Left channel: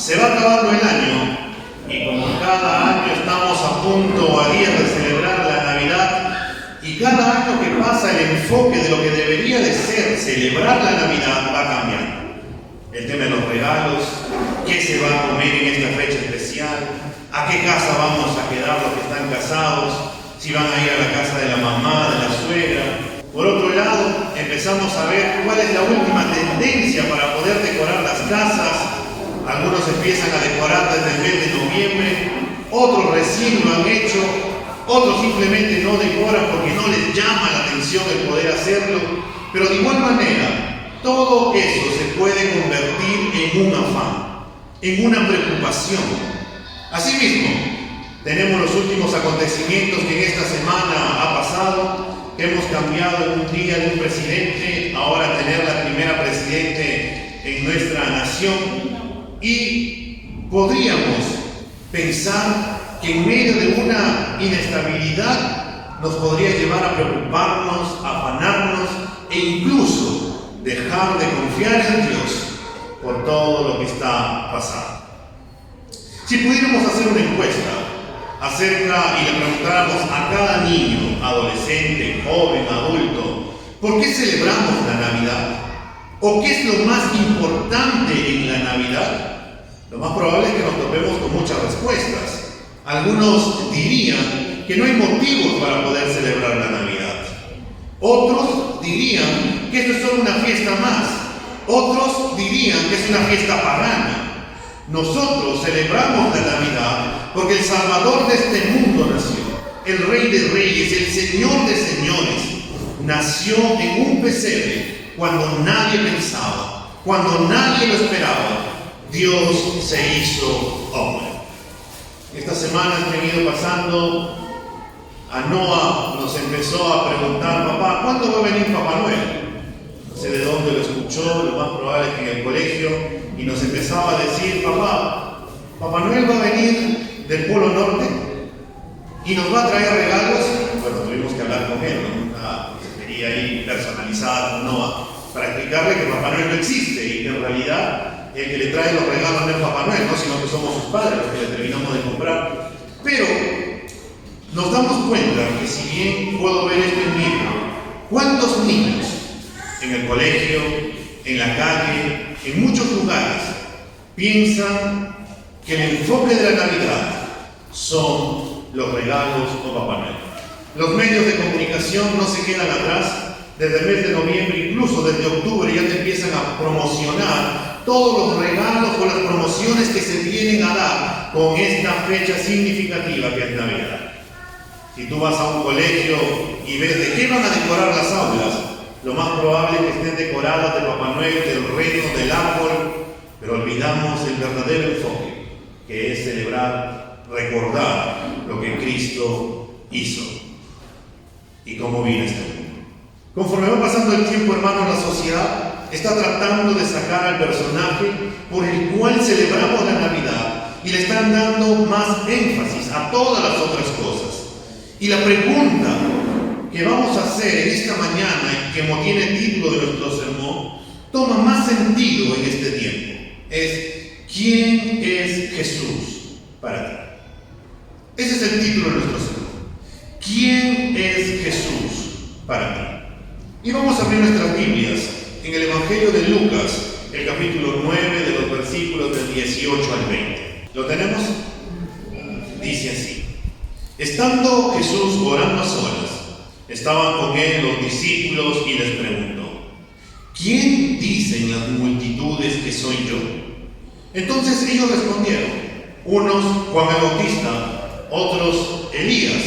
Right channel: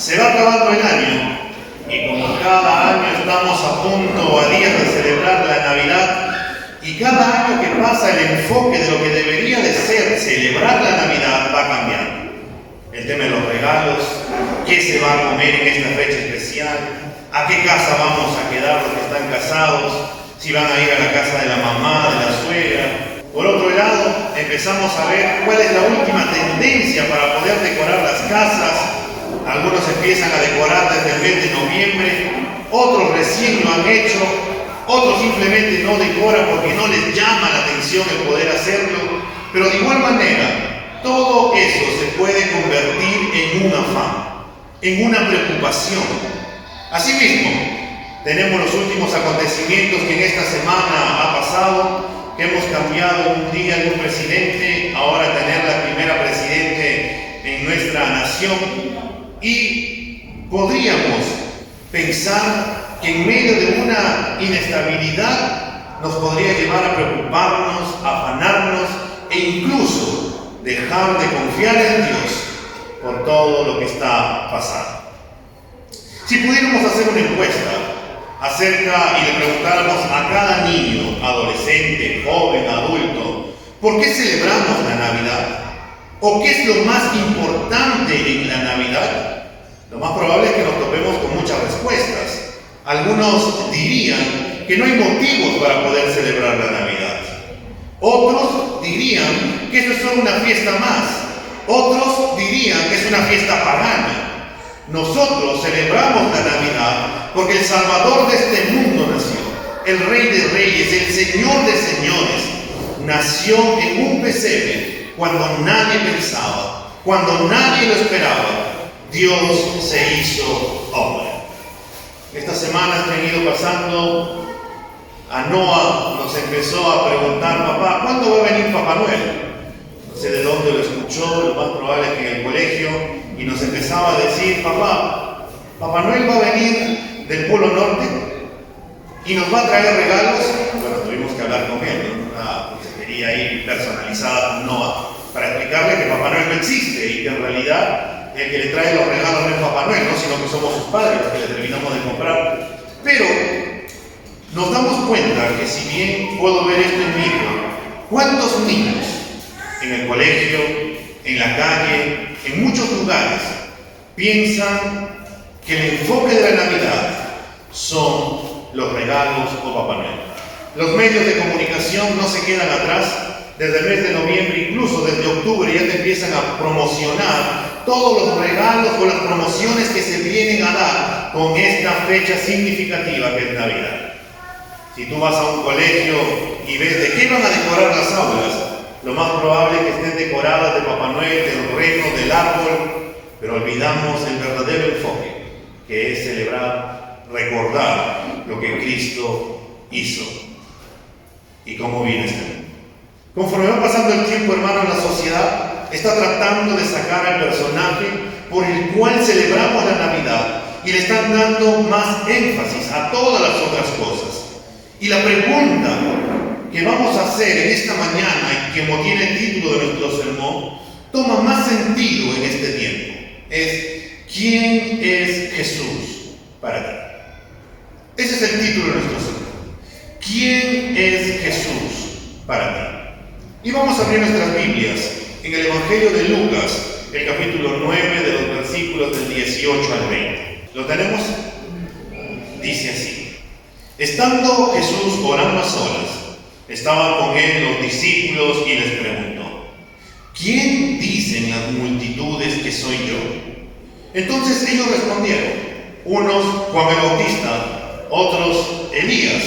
Se va acabando el año y como cada año estamos a punto, a días de celebrar la Navidad, y cada año que pasa el enfoque de lo que debería de ser celebrar la Navidad va cambiando. El tema de los regalos, qué se va a comer en esta fecha especial, a qué casa vamos a quedar los que están casados, si van a ir a la casa de la mamá, de la suegra. Por otro lado, empezamos a ver cuál es la última tendencia para poder decorar las casas. Algunos empiezan a decorar desde el mes de noviembre, otros recién lo han hecho, otros simplemente no decoran porque no les llama la atención el poder hacerlo, pero de igual manera, todo eso se puede convertir en un afán, en una preocupación. Asimismo, tenemos los últimos acontecimientos que en esta semana ha pasado, que hemos cambiado un día de un presidente, ahora tener la primera presidente en nuestra nación, y podríamos pensar que en medio de una inestabilidad nos podría llevar a preocuparnos, a afanarnos e incluso dejar de confiar en Dios por todo lo que está pasando. Si pudiéramos hacer una encuesta acerca y le preguntáramos a cada niño, adolescente, joven, adulto, ¿por qué celebramos la Navidad? ¿O qué es lo más importante en la Navidad? Lo más probable es que nos topemos con muchas respuestas. Algunos dirían que no hay motivos para poder celebrar la Navidad. Otros dirían que esto es solo una fiesta más. Otros dirían que es una fiesta pagana. Nosotros celebramos la Navidad porque el Salvador de este mundo nació. El Rey de Reyes, el Señor de Señores, nació en un pesebre cuando nadie pensaba, cuando nadie lo esperaba. Dios se hizo hombre. Esta semana han venido pasando, a Noah nos empezó a preguntar: papá, ¿cuándo va a venir Papá Noel? No sé de dónde lo escuchó, lo más probable es que en el colegio, y nos empezaba a decir: papá, Papá Noel va a venir del Polo Norte y nos va a traer regalos. Bueno, tuvimos que hablar con él, ¿no? Una consejería ahí personalizada con Noah para explicarle que Papá Noel no existe y que en realidad el que le trae los regalos no es Papá Noel, ¿no? Sino que somos sus padres los que le terminamos de comprar. Pero nos damos cuenta que si bien puedo ver esto en mi hijo, ¿cuántos niños en el colegio, en la calle, en muchos lugares piensan que el enfoque de la Navidad son los regalos o Papá Noel? Los medios de comunicación no se quedan atrás. Desde el mes de noviembre, incluso desde octubre, ya te empiezan a promocionar todos los regalos o las promociones que se vienen a dar con esta fecha significativa que es Navidad. Si tú vas a un colegio y ves de qué van a decorar las aulas, lo más probable es que estén decoradas de Papá Noel, del reno, del árbol, pero olvidamos el verdadero enfoque, que es celebrar, recordar lo que Cristo hizo y cómo viene este mundo. Conforme va pasando el tiempo, hermano, en la sociedad está tratando de sacar al personaje por el cual celebramos la Navidad y le están dando más énfasis a todas las otras cosas. Y la pregunta que vamos a hacer en esta mañana y que tiene el título de nuestro sermón toma más sentido en este tiempo. Es: ¿quién es Jesús para ti? Ese es el título de nuestro sermón. ¿Quién es Jesús para ti? Y vamos a abrir nuestras Biblias en el Evangelio de Lucas, el capítulo 9, de los versículos del 18 al 20. ¿Lo tenemos? Dice así: estando Jesús orando a solas, estaban con él los discípulos y les preguntó: ¿quién dicen las multitudes que soy yo? Entonces ellos respondieron: unos Juan el Bautista, otros Elías,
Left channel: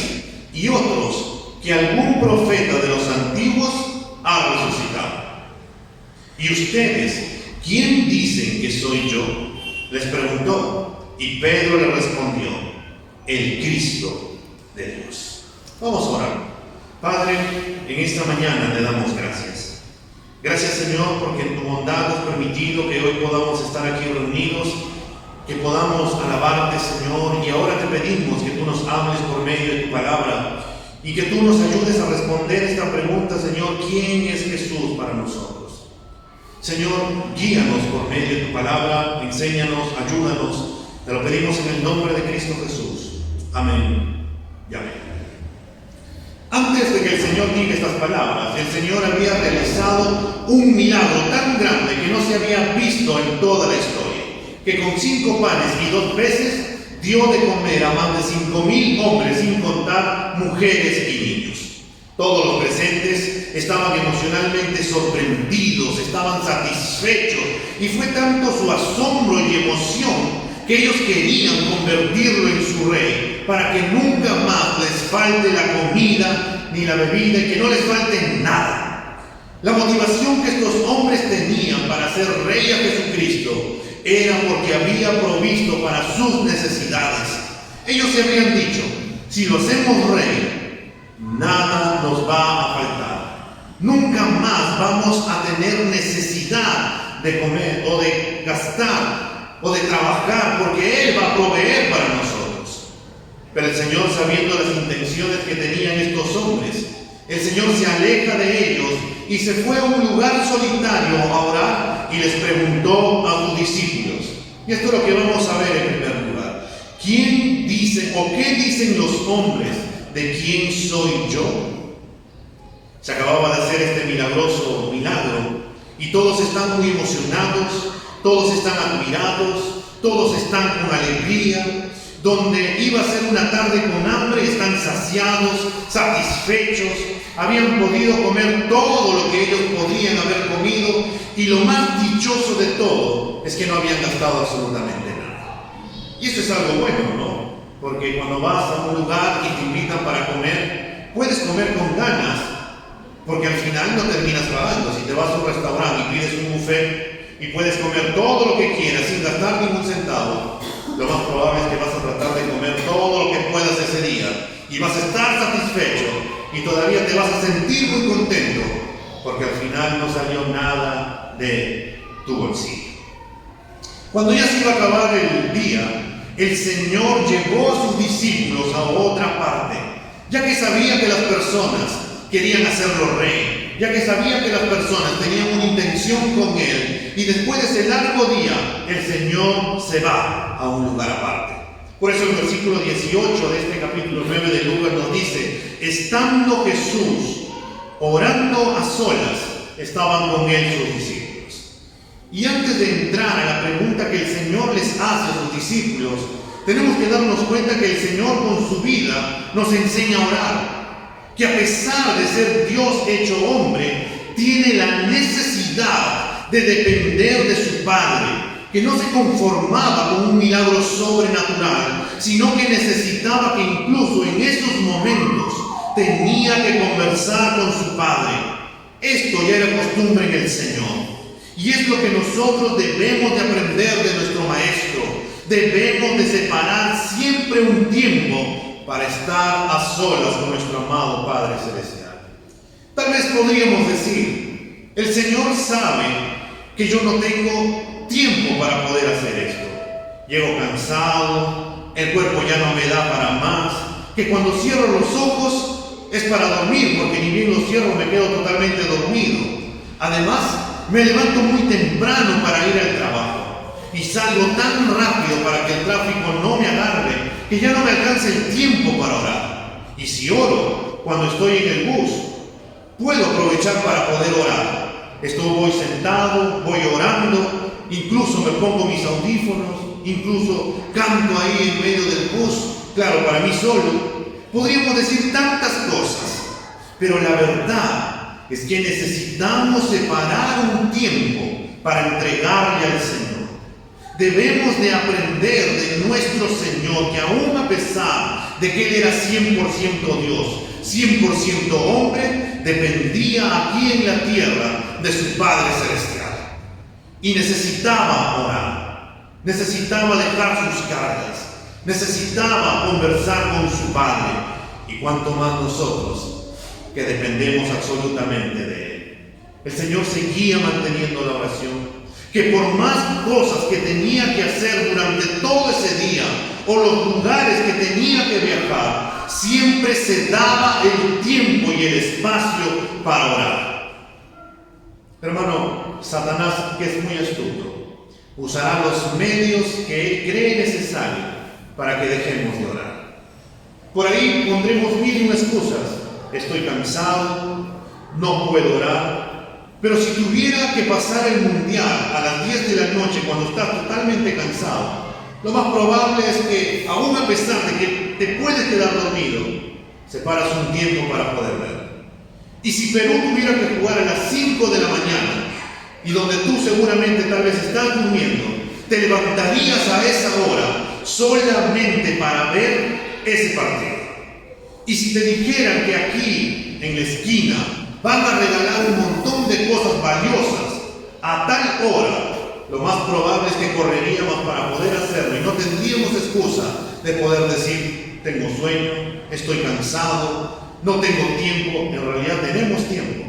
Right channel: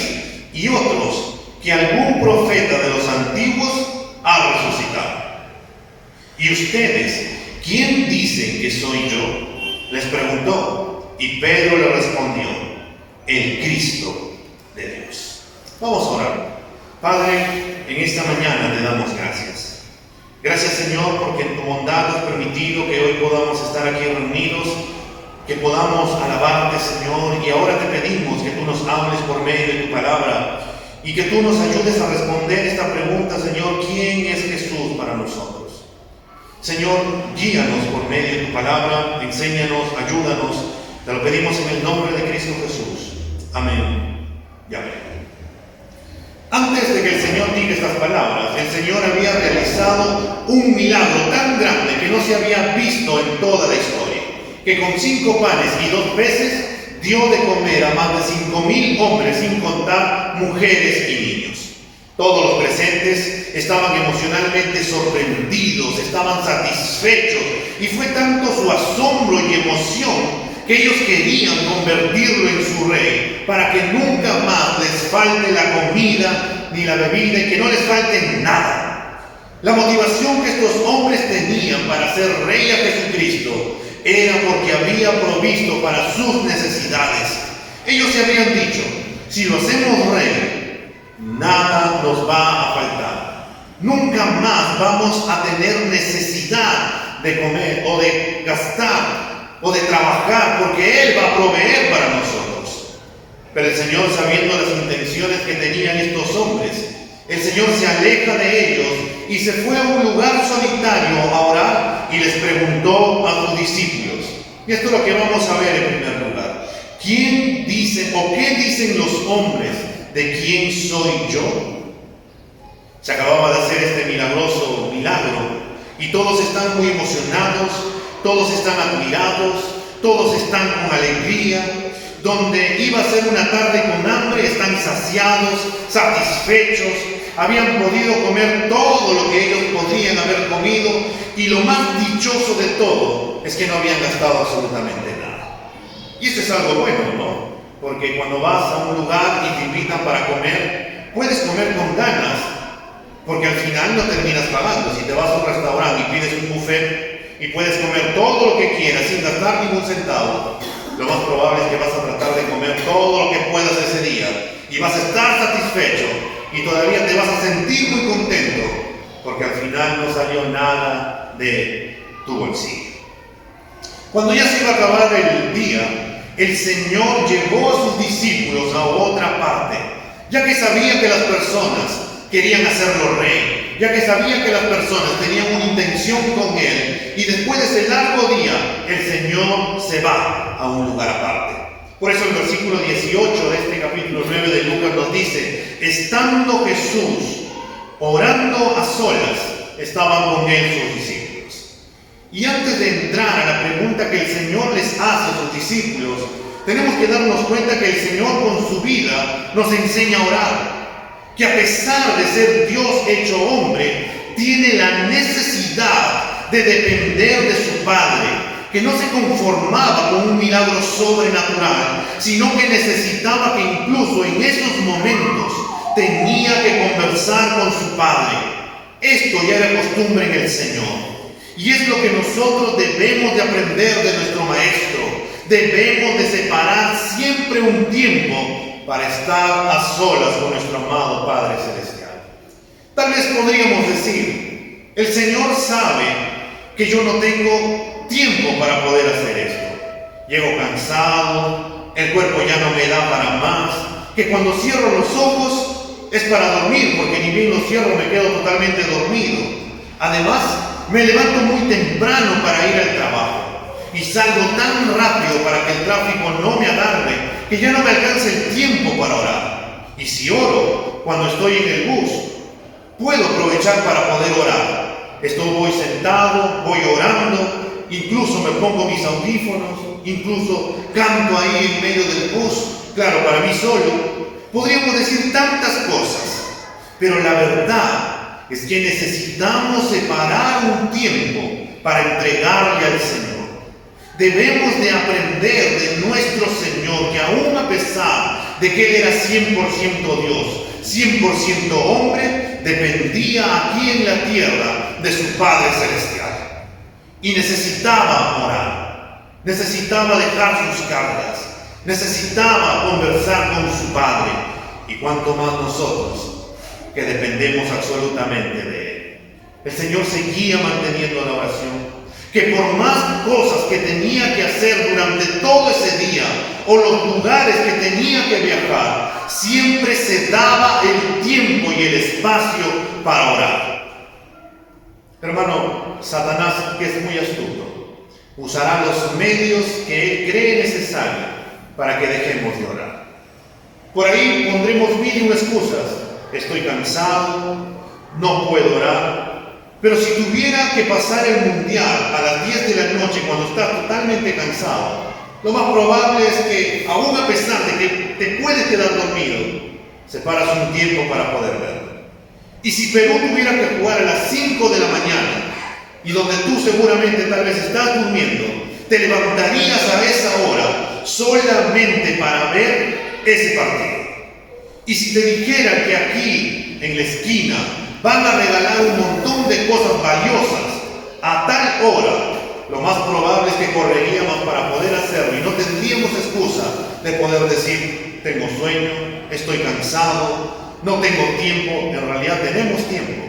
y otros que algún profeta de los antiguos ha resucitado. ¿Y ustedes quién dicen que soy yo?, les preguntó, y Pedro le respondió: el Cristo de Dios. Vamos a orar. Padre, en esta mañana te damos gracias. Gracias, Señor, porque en tu bondad has permitido que hoy podamos estar aquí reunidos, que podamos alabarte, Señor, y ahora te pedimos que tú nos hables por medio de tu palabra y que tú nos ayudes a responder esta pregunta, Señor: ¿quién es Jesús para nosotros? Señor, guíanos por medio de tu palabra. palabra, enséñanos, ayúdanos. Te lo pedimos en el nombre de Cristo Jesús. Amén y amén. Antes de que el Señor diga estas palabras, el Señor había realizado un milagro tan grande que no se había visto en toda la historia, que con 5 panes y 2 peces dio de comer a más de 5,000 hombres, sin contar mujeres y niños. Todos los presentes estaban emocionalmente sorprendidos, estaban satisfechos, y fue tanto su asombro y emoción que ellos querían convertirlo en su rey, para que nunca más les falte la comida ni la bebida y que no les falte nada. La motivación que estos hombres tenían para hacer rey a Jesucristo era porque había provisto para sus necesidades. Ellos se habían dicho: si lo hacemos rey, nada nos va a faltar. Nunca más vamos a tener necesidad de comer o de gastar o de trabajar, porque Él va a proveer para nosotros. Pero el Señor, sabiendo las intenciones que tenían estos hombres, el Señor se aleja de ellos y se fue a un lugar solitario a orar y les preguntó a sus discípulos. Y esto es lo que vamos a ver en primer lugar. ¿Quién dice o qué dicen los hombres de quién soy yo? Se acababa de hacer este milagroso milagro y todos están muy emocionados, todos están admirados, todos están con alegría. Donde iba a ser una tarde con hambre, están saciados, satisfechos, habían podido comer todo lo que ellos podrían haber comido, y lo más dichoso de todo es que no habían gastado absolutamente nada. Y eso es algo bueno, ¿no? Porque cuando vas a un lugar y te invitan para comer, puedes comer con ganas, porque al final no terminas pagando. Si te vas a un restaurante y pides un buffet y puedes comer todo lo que quieras sin gastar ningún centavo, lo más probable es que vas a tratar de comer todo lo que puedas ese día y vas a estar satisfecho y todavía te vas a sentir muy contento, porque al final no salió nada de tu bolsillo. Cuando ya se iba a acabar el día, el Señor llevó a sus discípulos a otra parte, ya que sabía que las personas querían hacerlo rey, ya que sabía que las personas tenían una intención con Él, y después de ese largo día, el Señor se va a un lugar aparte. Por eso el versículo 18 de este capítulo 9 de Lucas nos dice: estando Jesús orando a solas, estaban con Él sus discípulos. Y antes de entrar a la pregunta que el Señor les hace a sus discípulos, tenemos que darnos cuenta que el Señor con su vida nos enseña a orar, que a pesar de ser Dios hecho hombre, tiene la necesidad de depender de su Padre, que no se conformaba con un milagro sobrenatural, sino que necesitaba que incluso en esos momentos tenía que conversar con su Padre. Esto ya era costumbre en el Señor, y es lo que nosotros debemos de aprender de nuestro Maestro. Debemos de separar siempre un tiempo para estar a solas con nuestro amado Padre Celestial. Tal vez podríamos decir: el Señor sabe que yo no tengo tiempo para poder hacer esto. Llego cansado, el cuerpo ya no me da para más, que cuando cierro los ojos es para dormir, porque ni bien los cierro me quedo totalmente dormido. Además, me levanto muy temprano para ir al trabajo y salgo tan rápido para que el tráfico no me agarre, que ya no me alcanza el tiempo para orar. Y si oro cuando estoy en el bus, puedo aprovechar para poder orar. Voy sentado, voy orando, incluso me pongo mis audífonos, incluso canto ahí en medio del bus, claro, para mí solo. Podríamos decir tantas cosas, pero la verdad es que necesitamos separar un tiempo para entregarle al Señor. Debemos de aprender de nuestro Señor que aún a pesar de que Él era 100% Dios, 100% hombre, dependía aquí en la tierra de su Padre Celestial. Y necesitaba orar, necesitaba dejar sus cargas, necesitaba conversar con su Padre. Y cuanto más nosotros, que dependemos absolutamente de Él. El Señor seguía manteniendo la oración, que por más cosas que tenía que hacer durante todo ese día, o los lugares que tenía que viajar, siempre se daba el tiempo y el espacio para orar. Hermano, Satanás, que es muy astuto, usará los medios que Él cree necesario para que dejemos de orar. Por ahí pondremos mil excusas. Estoy cansado, no puedo orar. Pero si tuviera que pasar el mundial a las 10 de la noche cuando estás totalmente cansado, lo más probable es que, aún a pesar de que te puedes quedar dormido, separas un tiempo para poder ver. Y si Perú tuviera que jugar a las 5 de la mañana, y donde tú seguramente tal vez estás durmiendo, te levantarías a esa hora solamente para ver ese partido. Y si te dijeran que aquí, en la esquina, van a regalar un montón de cosas valiosas a tal hora, lo más probable es que correríamos para poder hacerlo y no tendríamos excusa de poder decir, tengo sueño, estoy cansado, no tengo tiempo. En realidad tenemos tiempo.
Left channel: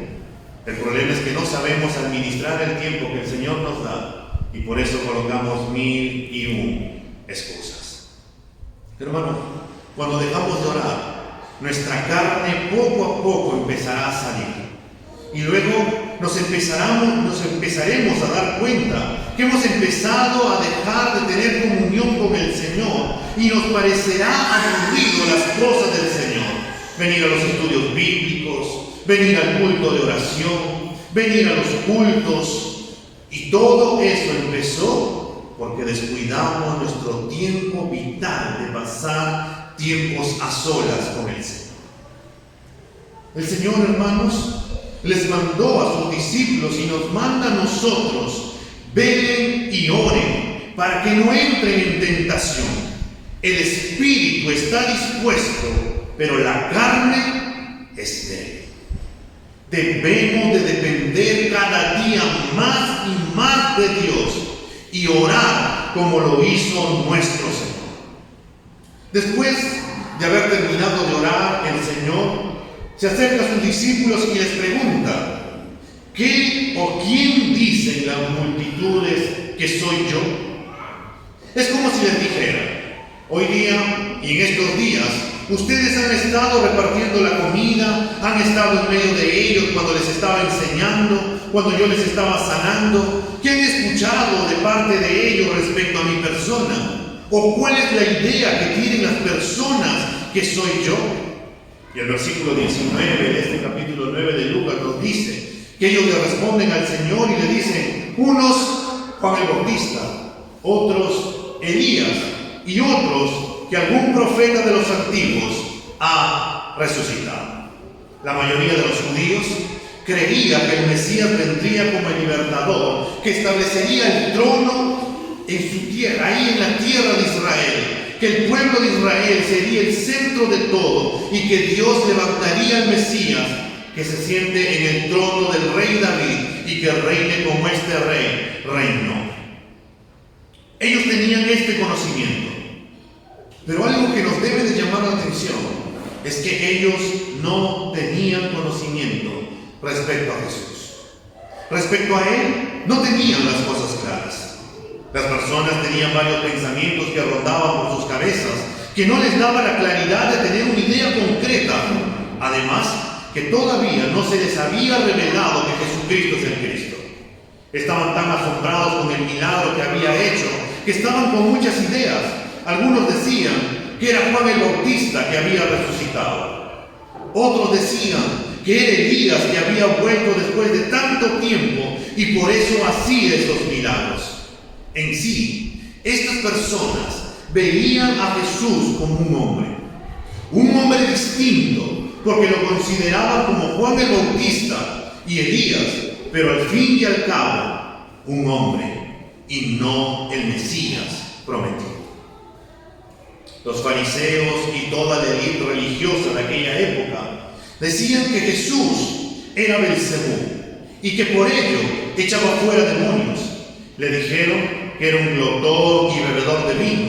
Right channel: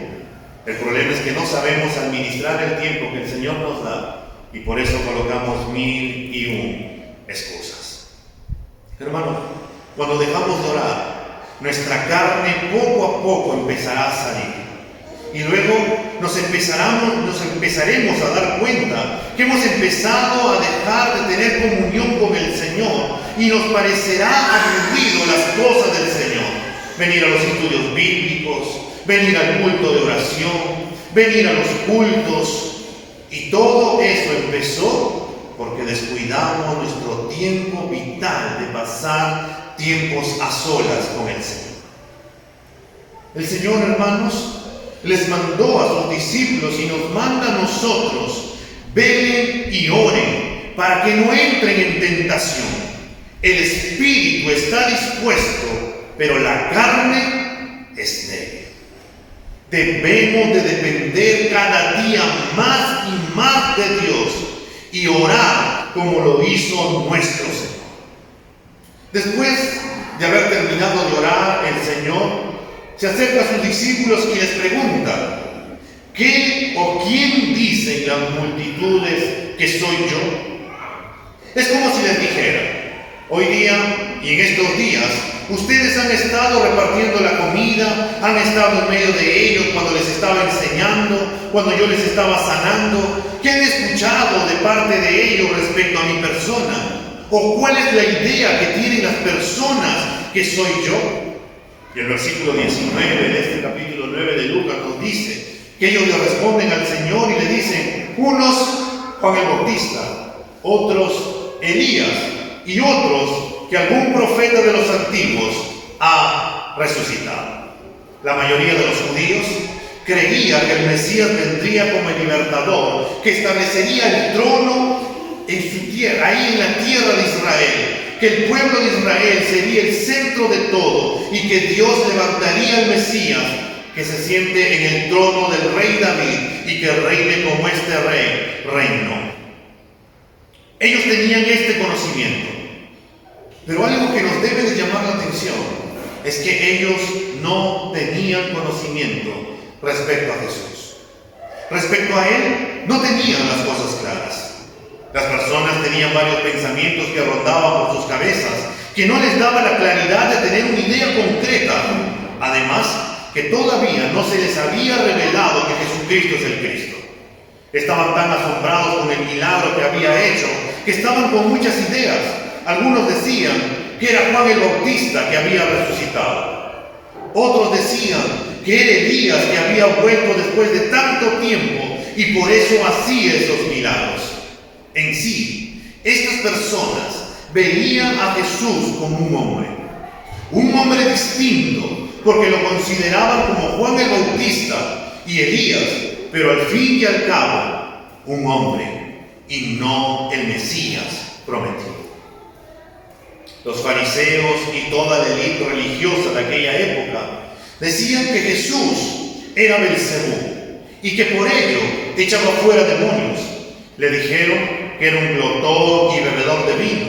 El problema es que no sabemos administrar el tiempo que el Señor nos da y por eso colocamos 1001 excusas. Hermano, cuando dejamos de orar, nuestra carne poco a poco empezará a salir. Y luego nos empezaremos a dar cuenta que hemos empezado a dejar de tener comunión con el Señor y nos parecerá aburrido las cosas del Señor. Venir a los estudios bíblicos, venir al culto de oración, venir a los cultos. Y todo eso empezó porque descuidamos nuestro tiempo vital de pasar tiempos a solas con el Señor. El Señor, hermanos, les mandó a sus discípulos y nos manda a nosotros: velen y oren para que no entren en tentación. El espíritu está dispuesto, pero la carne es débil. Debemos de depender cada día más y más de Dios y orar como lo hizo nuestro Señor. Después de haber terminado de orar, el Señor se acerca a sus discípulos y les pregunta: ¿qué o quién dicen las multitudes que soy yo? Es como si les dijera: hoy día y en estos días ustedes han estado repartiendo la comida, han estado en medio de ellos cuando les estaba enseñando, cuando yo les estaba sanando. ¿Qué han escuchado de parte de ellos respecto a mi persona? ¿O cuál es la idea que tienen las personas que soy yo? Y el versículo 19 de este capítulo 9 de Lucas nos dice que ellos le responden al Señor y le dicen: unos Juan el Bautista, otros Elías y otros que algún profeta de los antiguos ha resucitado. La mayoría de los judíos creía que el Mesías vendría como el libertador, que establecería el trono en su tierra, ahí en la tierra de Israel, que el pueblo de Israel sería el centro de todo y que Dios levantaría al Mesías que se siente en el trono del rey David y que reine como este rey reinó. Ellos tenían este conocimiento, pero algo que nos debe de llamar la atención es que ellos no tenían conocimiento respecto a Jesús. Respecto a Él, no tenían las cosas claras. Las personas tenían varios pensamientos que rondaban por sus cabezas, que no les daba la claridad de tener una idea concreta. Además, que todavía no se les había revelado que Jesucristo es el Cristo. Estaban tan asombrados con el milagro que había hecho, que estaban con muchas ideas. Algunos decían que era Juan el Bautista que había resucitado. Otros decían que era Elías que había vuelto después de tanto tiempo y por eso hacía esos milagros. En sí, estas personas veían a Jesús como un hombre distinto, porque lo consideraban como Juan el Bautista y Elías, pero al fin y al cabo, un hombre y no el Mesías prometido. Los fariseos y toda la élite religiosa de aquella época decían que Jesús era Belcebú y que por ello echaba fuera demonios. Le dijeron que era un glotón y bebedor de vino,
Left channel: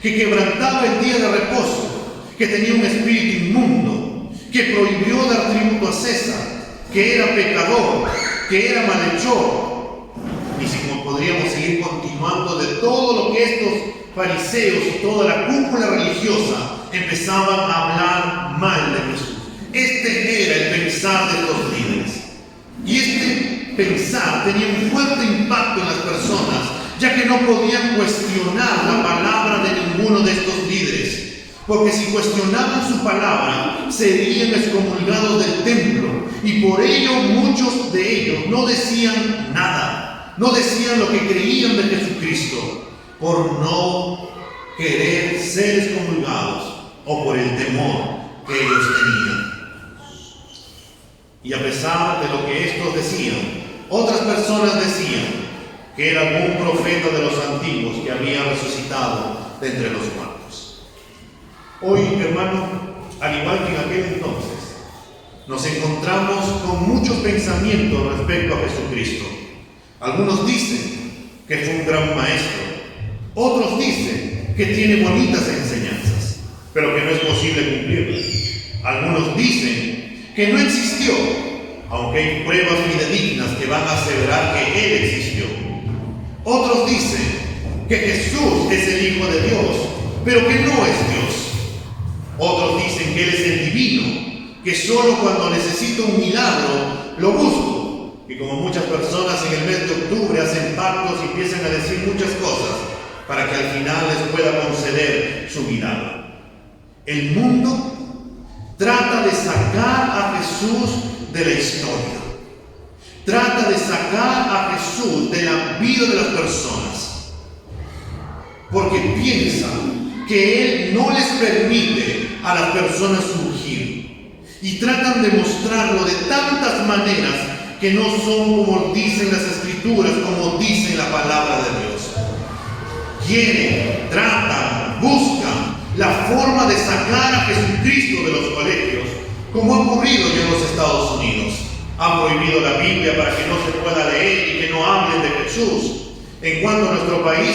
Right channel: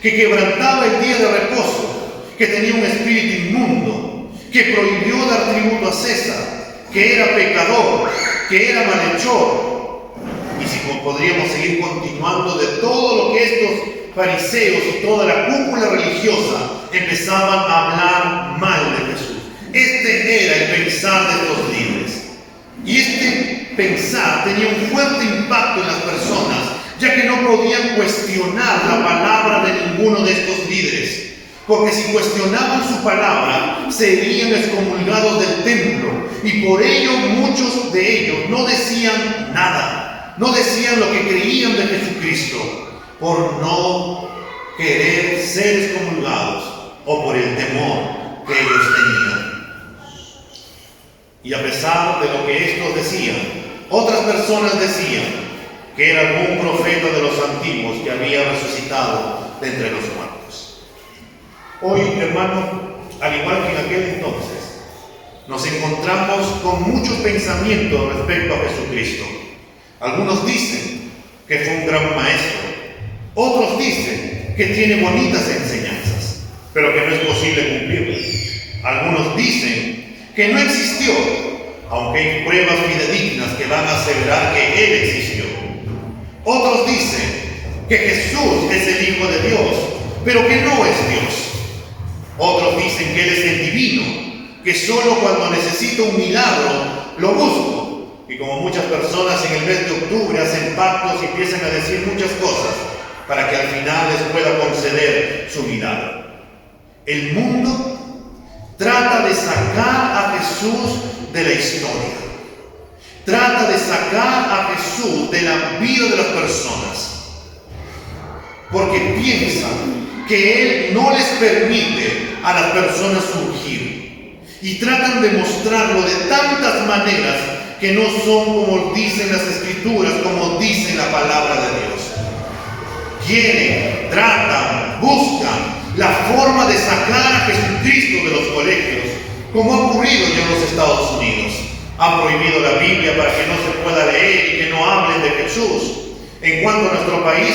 que quebrantaba el día de reposo, que tenía un espíritu inmundo, que prohibió dar tributo a César, que era pecador, que era malhechor. Y si podríamos seguir continuando de todo lo que estos fariseos y toda la cúpula religiosa empezaban a hablar mal de Jesús. Este era el pensar de estos líderes. Y este pensar tenía un fuerte impacto en las personas ya que no podían cuestionar la palabra de ninguno de estos líderes, porque si cuestionaban su palabra, serían excomulgados del templo, y por ello muchos de ellos no decían nada, no decían lo que creían de Jesucristo, por no querer ser excomulgados o por el temor que ellos tenían. Y a pesar de lo que estos decían, otras personas decían que era algún profeta de los antiguos que había resucitado de entre los muertos. Hoy, hermano, al igual que en aquel entonces, nos encontramos con muchos pensamientos respecto a Jesucristo. Algunos dicen que fue un gran maestro, otros dicen que tiene bonitas enseñanzas, pero que no es posible cumplirlas. Algunos dicen que no existió, aunque hay pruebas fidedignas que van a aseverar que Él existió. Otros dicen que Jesús es el Hijo de Dios, pero que no es Dios. Otros dicen que Él es el divino, que solo cuando necesito un milagro lo busco. Y como muchas personas en el mes de octubre hacen pactos y empiezan a decir muchas cosas para que al final les pueda conceder su milagro. El mundo trata de sacar a Jesús de la historia. Trata de sacar a Jesús de la vida de las personas. Porque piensan que Él no les permite a las personas surgir. Y tratan de mostrarlo de tantas maneras que no son como dicen las Escrituras, como dice la palabra de Dios. Quieren, tratan, buscan la forma de sacar a Jesucristo de los colegios, como ha ocurrido ya en los Estados Unidos. Han prohibido la Biblia para que no se pueda leer y que no hablen de Jesús. En cuanto a nuestro país,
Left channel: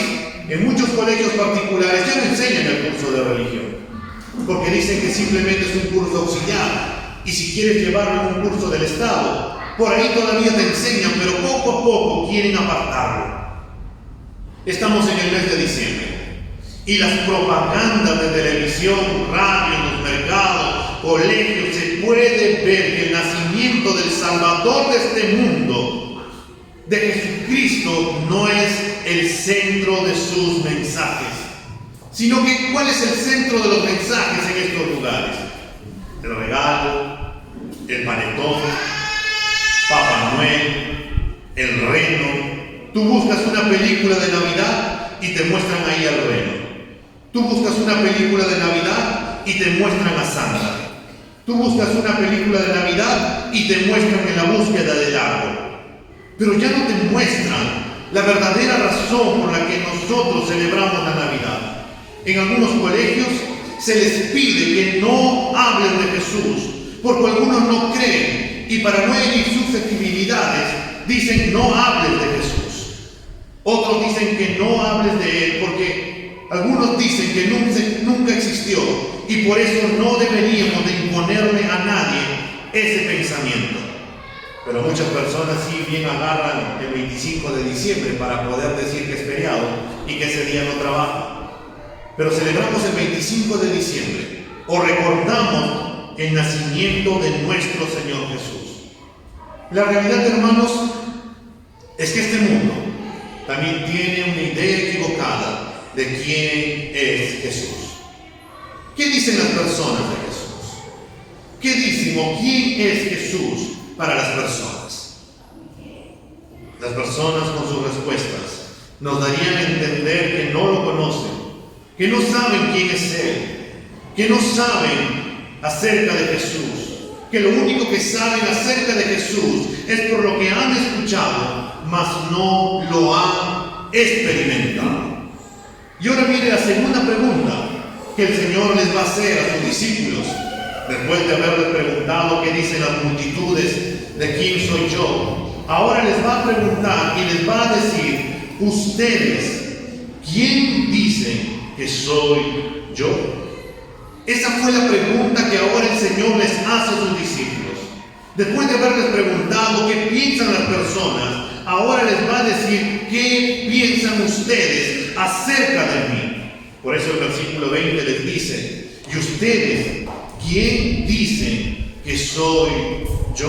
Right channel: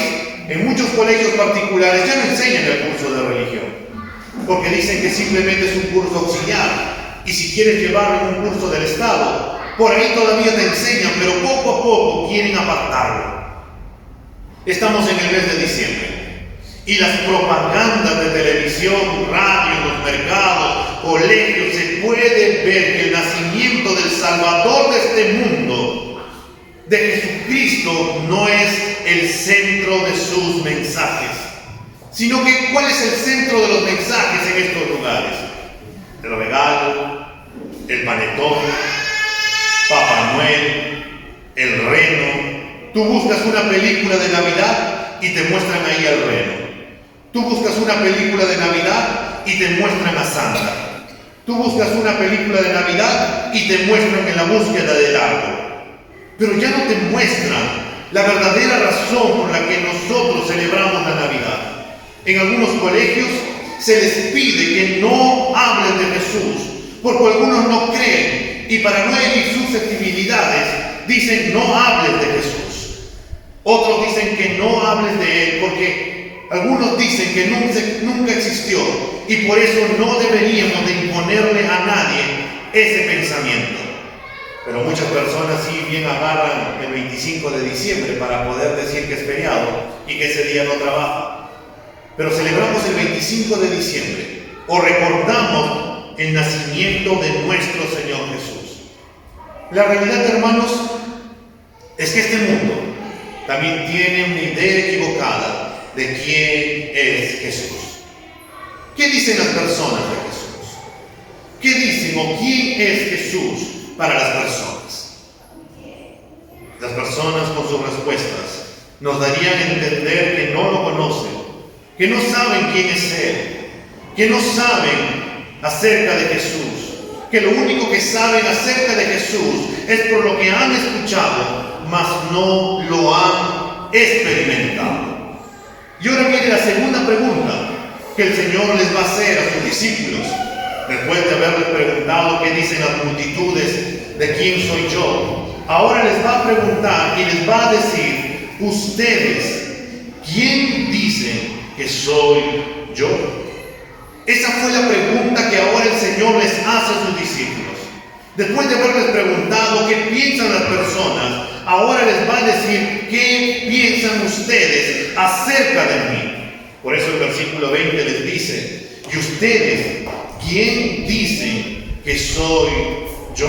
en muchos colegios particulares ya no enseñan el curso de religión, porque dicen que simplemente es un curso auxiliar, y si quieres llevarlo en un curso del Estado, por ahí todavía te enseñan, pero poco a poco quieren apartarlo. Estamos en el mes de diciembre, y las propagandas de televisión, radio, en los mercados, colegios, se puede ver que el nacimiento del Salvador de este mundo, de Jesucristo, no es el centro de sus mensajes, sino que ¿cuál es el centro de los mensajes en estos lugares? El regalo, el panetón, Papá Noel, el reno. Tú buscas una película de Navidad y te muestran ahí al reno. Tú buscas una película de Navidad y te muestran a Santa. Tú buscas una película de Navidad y te muestran en la búsqueda del árbol. Pero ya no te muestran la verdadera razón por la que nosotros celebramos la Navidad. En algunos colegios se les pide que no hablen de Jesús, porque algunos no creen, y para no herir susceptibilidades, dicen no hables de Jesús. Otros dicen que no hables de Él, porque algunos dicen que nunca existió, y por eso no deberíamos de imponerle a nadie ese pensamiento. Pero muchas personas sí bien agarran el 25 de diciembre para poder decir que es feriado y que ese día no trabaja. Pero celebramos el 25 de diciembre o recordamos el nacimiento de nuestro Señor Jesús. La realidad, hermanos, es que este mundo también tiene una idea equivocada de quién es Jesús. ¿Qué dicen las personas de Jesús? ¿Qué dicen o quién es Jesús para las personas? Las personas con sus respuestas nos darían a entender que no lo conocen, que no saben quién es Él, que no saben acerca de Jesús, que lo único que saben acerca de Jesús es por lo que han escuchado, mas no lo han experimentado. Y ahora viene la segunda pregunta que el Señor les va a hacer a sus discípulos, después de haberles preguntado qué dicen las multitudes de quién soy yo. Ahora les va a preguntar y les va a decir: ustedes, ¿quién dicen que soy yo? Esa fue la pregunta que ahora el Señor les hace a sus discípulos. Después de haberles preguntado qué piensan las personas, ahora les va a decir qué piensan ustedes acerca de mí. Por eso el versículo 20 les dice: ¿y ustedes quién dicen que soy yo?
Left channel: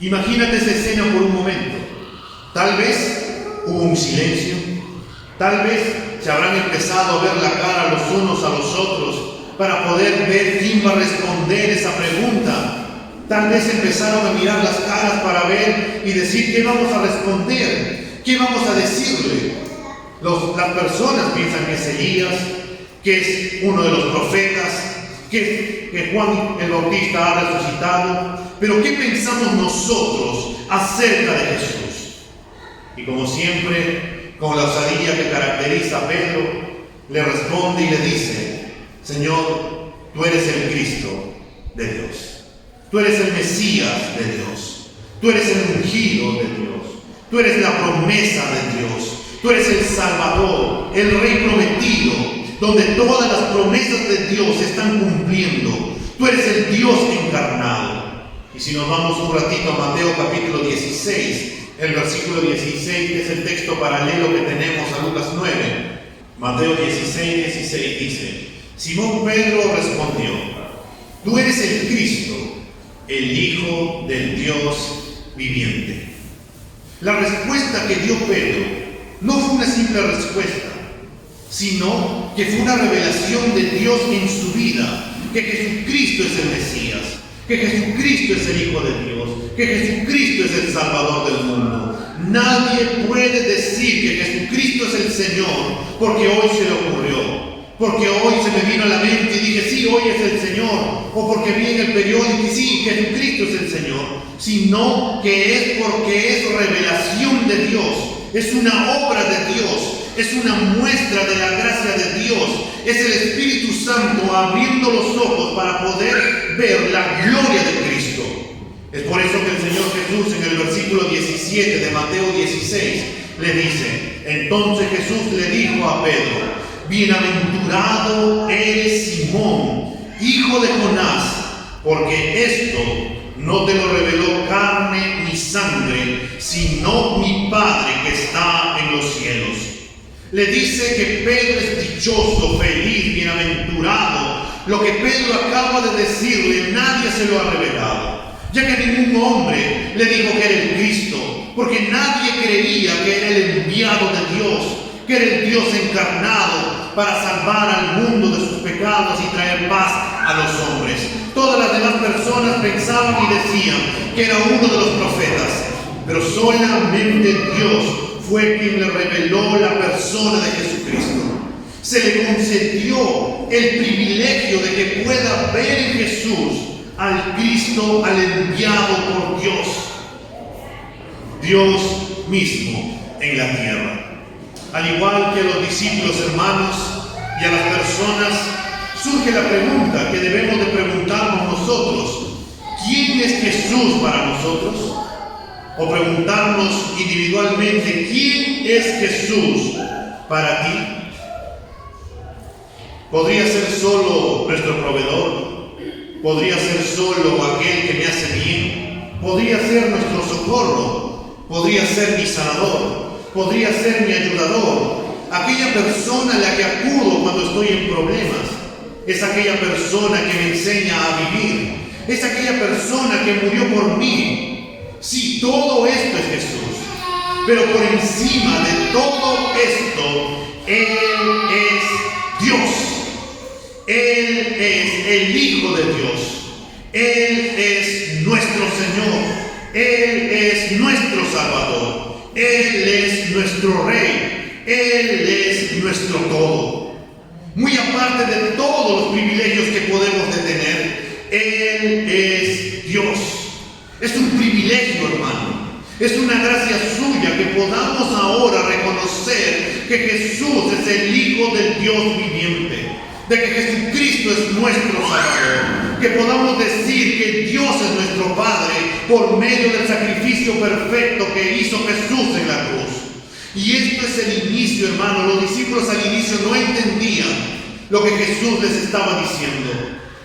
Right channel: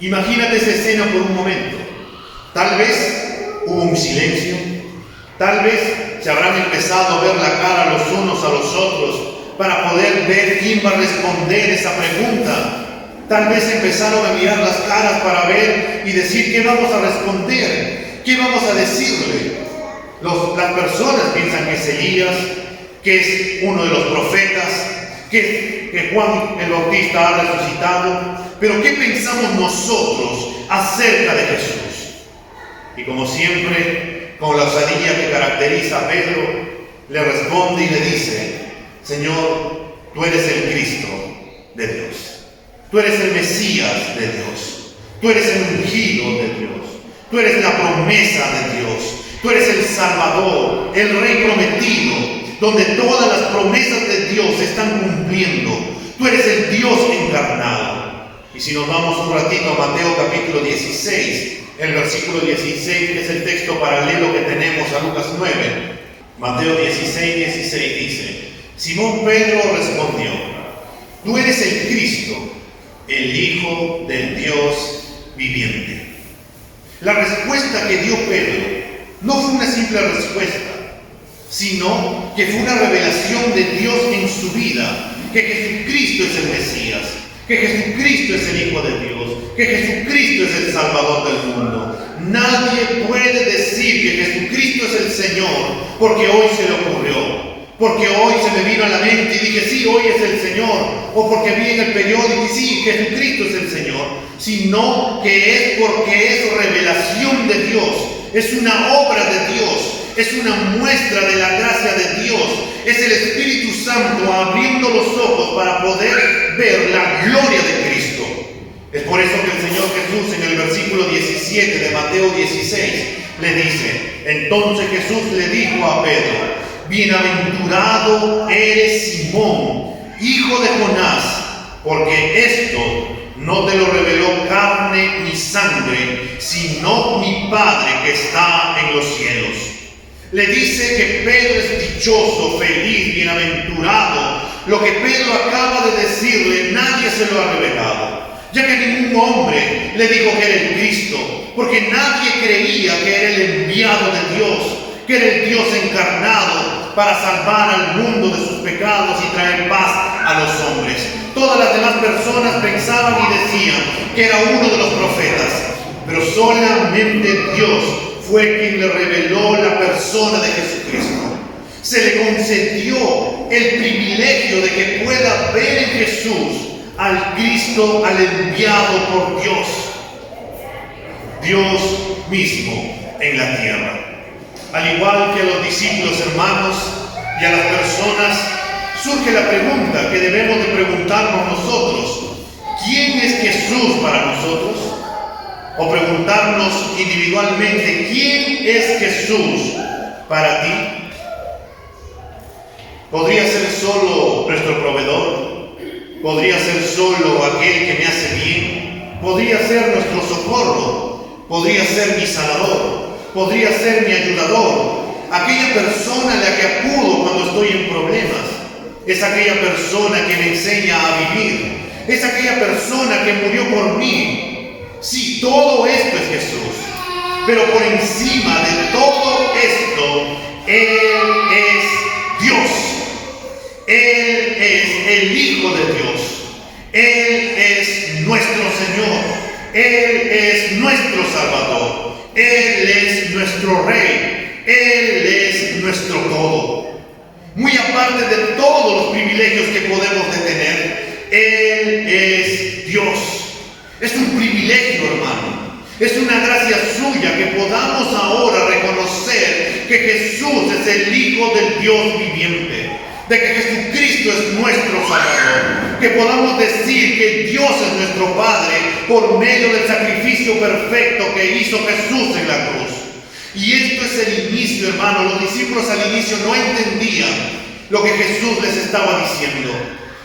Imagínate esa escena por un momento. Tal vez Hubo un silencio. Tal vez se habrán empezado a ver la cara los unos a los otros para poder ver quién va a responder esa pregunta. Tal vez empezaron a mirar las caras para ver y decir qué vamos a responder, qué vamos a decirle. Las personas piensan que es Elías, que es uno de los profetas, que Juan el Bautista ha resucitado. Pero ¿qué pensamos nosotros acerca de Jesús? Y como siempre, con la osadía que caracteriza a Pedro, le responde y le dice: Señor, tú eres el Cristo de Dios. Tú eres el Mesías de Dios. Tú eres el ungido de Dios. Tú eres la promesa de Dios. Tú eres el Salvador, el Rey prometido, donde todas las promesas de Dios se están cumpliendo. Tú eres el Dios encarnado. Y si nos vamos un ratito a Mateo capítulo 16, el versículo 16, que es el texto paralelo que tenemos a Lucas 9. Mateo 16, 16 dice: Simón Pedro respondió: Tú eres el Cristo, el Hijo del Dios viviente. La respuesta que dio Pedro no fue una simple respuesta, sino que fue una revelación de Dios en su vida, que Jesucristo es el Mesías, que Jesucristo es el Hijo de Dios, que Jesucristo es el Salvador del mundo. Nadie puede decir que Jesucristo es el Señor porque hoy se le ocurrió, porque hoy se me vino a la mente y dije, sí, hoy es el Señor, o porque vi en el periódico y sí, Jesucristo es el Señor, sino que es porque es revelación de Dios, es una obra de Dios, es una muestra de la gracia de Dios, es el Espíritu Santo abriendo los ojos para poder ver la gloria de Cristo. Es por eso que el Señor Jesús en el versículo 17 de Mateo 16 le dice: Entonces Jesús le dijo a Pedro: Bienaventurado eres Simón, hijo de Jonás, porque esto no te lo reveló carne ni sangre, sino mi Padre que está en los cielos. Le dice que Pedro es dichoso, feliz, bienaventurado. Lo que Pedro acaba de decirle, nadie se lo ha revelado, ya que ningún hombre le dijo que era el Cristo, porque nadie creía que era el enviado de Dios, que era el Dios encarnado para salvar al mundo de sus pecados y traer paz a los hombres. Todas las demás personas pensaban y decían que era uno de los profetas, pero solamente Dios fue quien le reveló la persona de Jesucristo. Se le concedió el privilegio de que pueda ver en Jesús al Cristo, al enviado por Dios, Dios mismo en la tierra. Al igual que a los discípulos, hermanos, y a las personas, surge la pregunta que debemos de preguntarnos nosotros: ¿quién es Jesús para nosotros? O preguntarnos individualmente: ¿quién es Jesús para ti? ¿Podría ser solo nuestro proveedor? ¿Podría ser solo aquel que me hace bien? ¿Podría ser nuestro socorro? ¿Podría ser mi sanador? ¿Podría ser mi ayudador? Aquella persona a la que acudo cuando estoy en problemas. Es aquella persona que me enseña a vivir. Es aquella persona que murió por mí. Sí, todo esto es Jesús. Pero por encima de todo esto, Él es Dios. Él es el Hijo de Dios. Él es nuestro Señor. Él es nuestro Salvador. Él es nuestro Rey. Él es nuestro todo. Muy aparte de todos los privilegios que podemos de tener, Él es Dios. Es un privilegio, hermano. Es una gracia suya que podamos ahora reconocer que Jesús es el Hijo del Dios viviente, de que Jesucristo es nuestro Salvador, que podamos decir que Dios es nuestro Padre por medio del sacrificio perfecto que hizo Jesús en la cruz. Y esto es el inicio, hermano. Los discípulos al inicio no entendían lo que Jesús les estaba diciendo.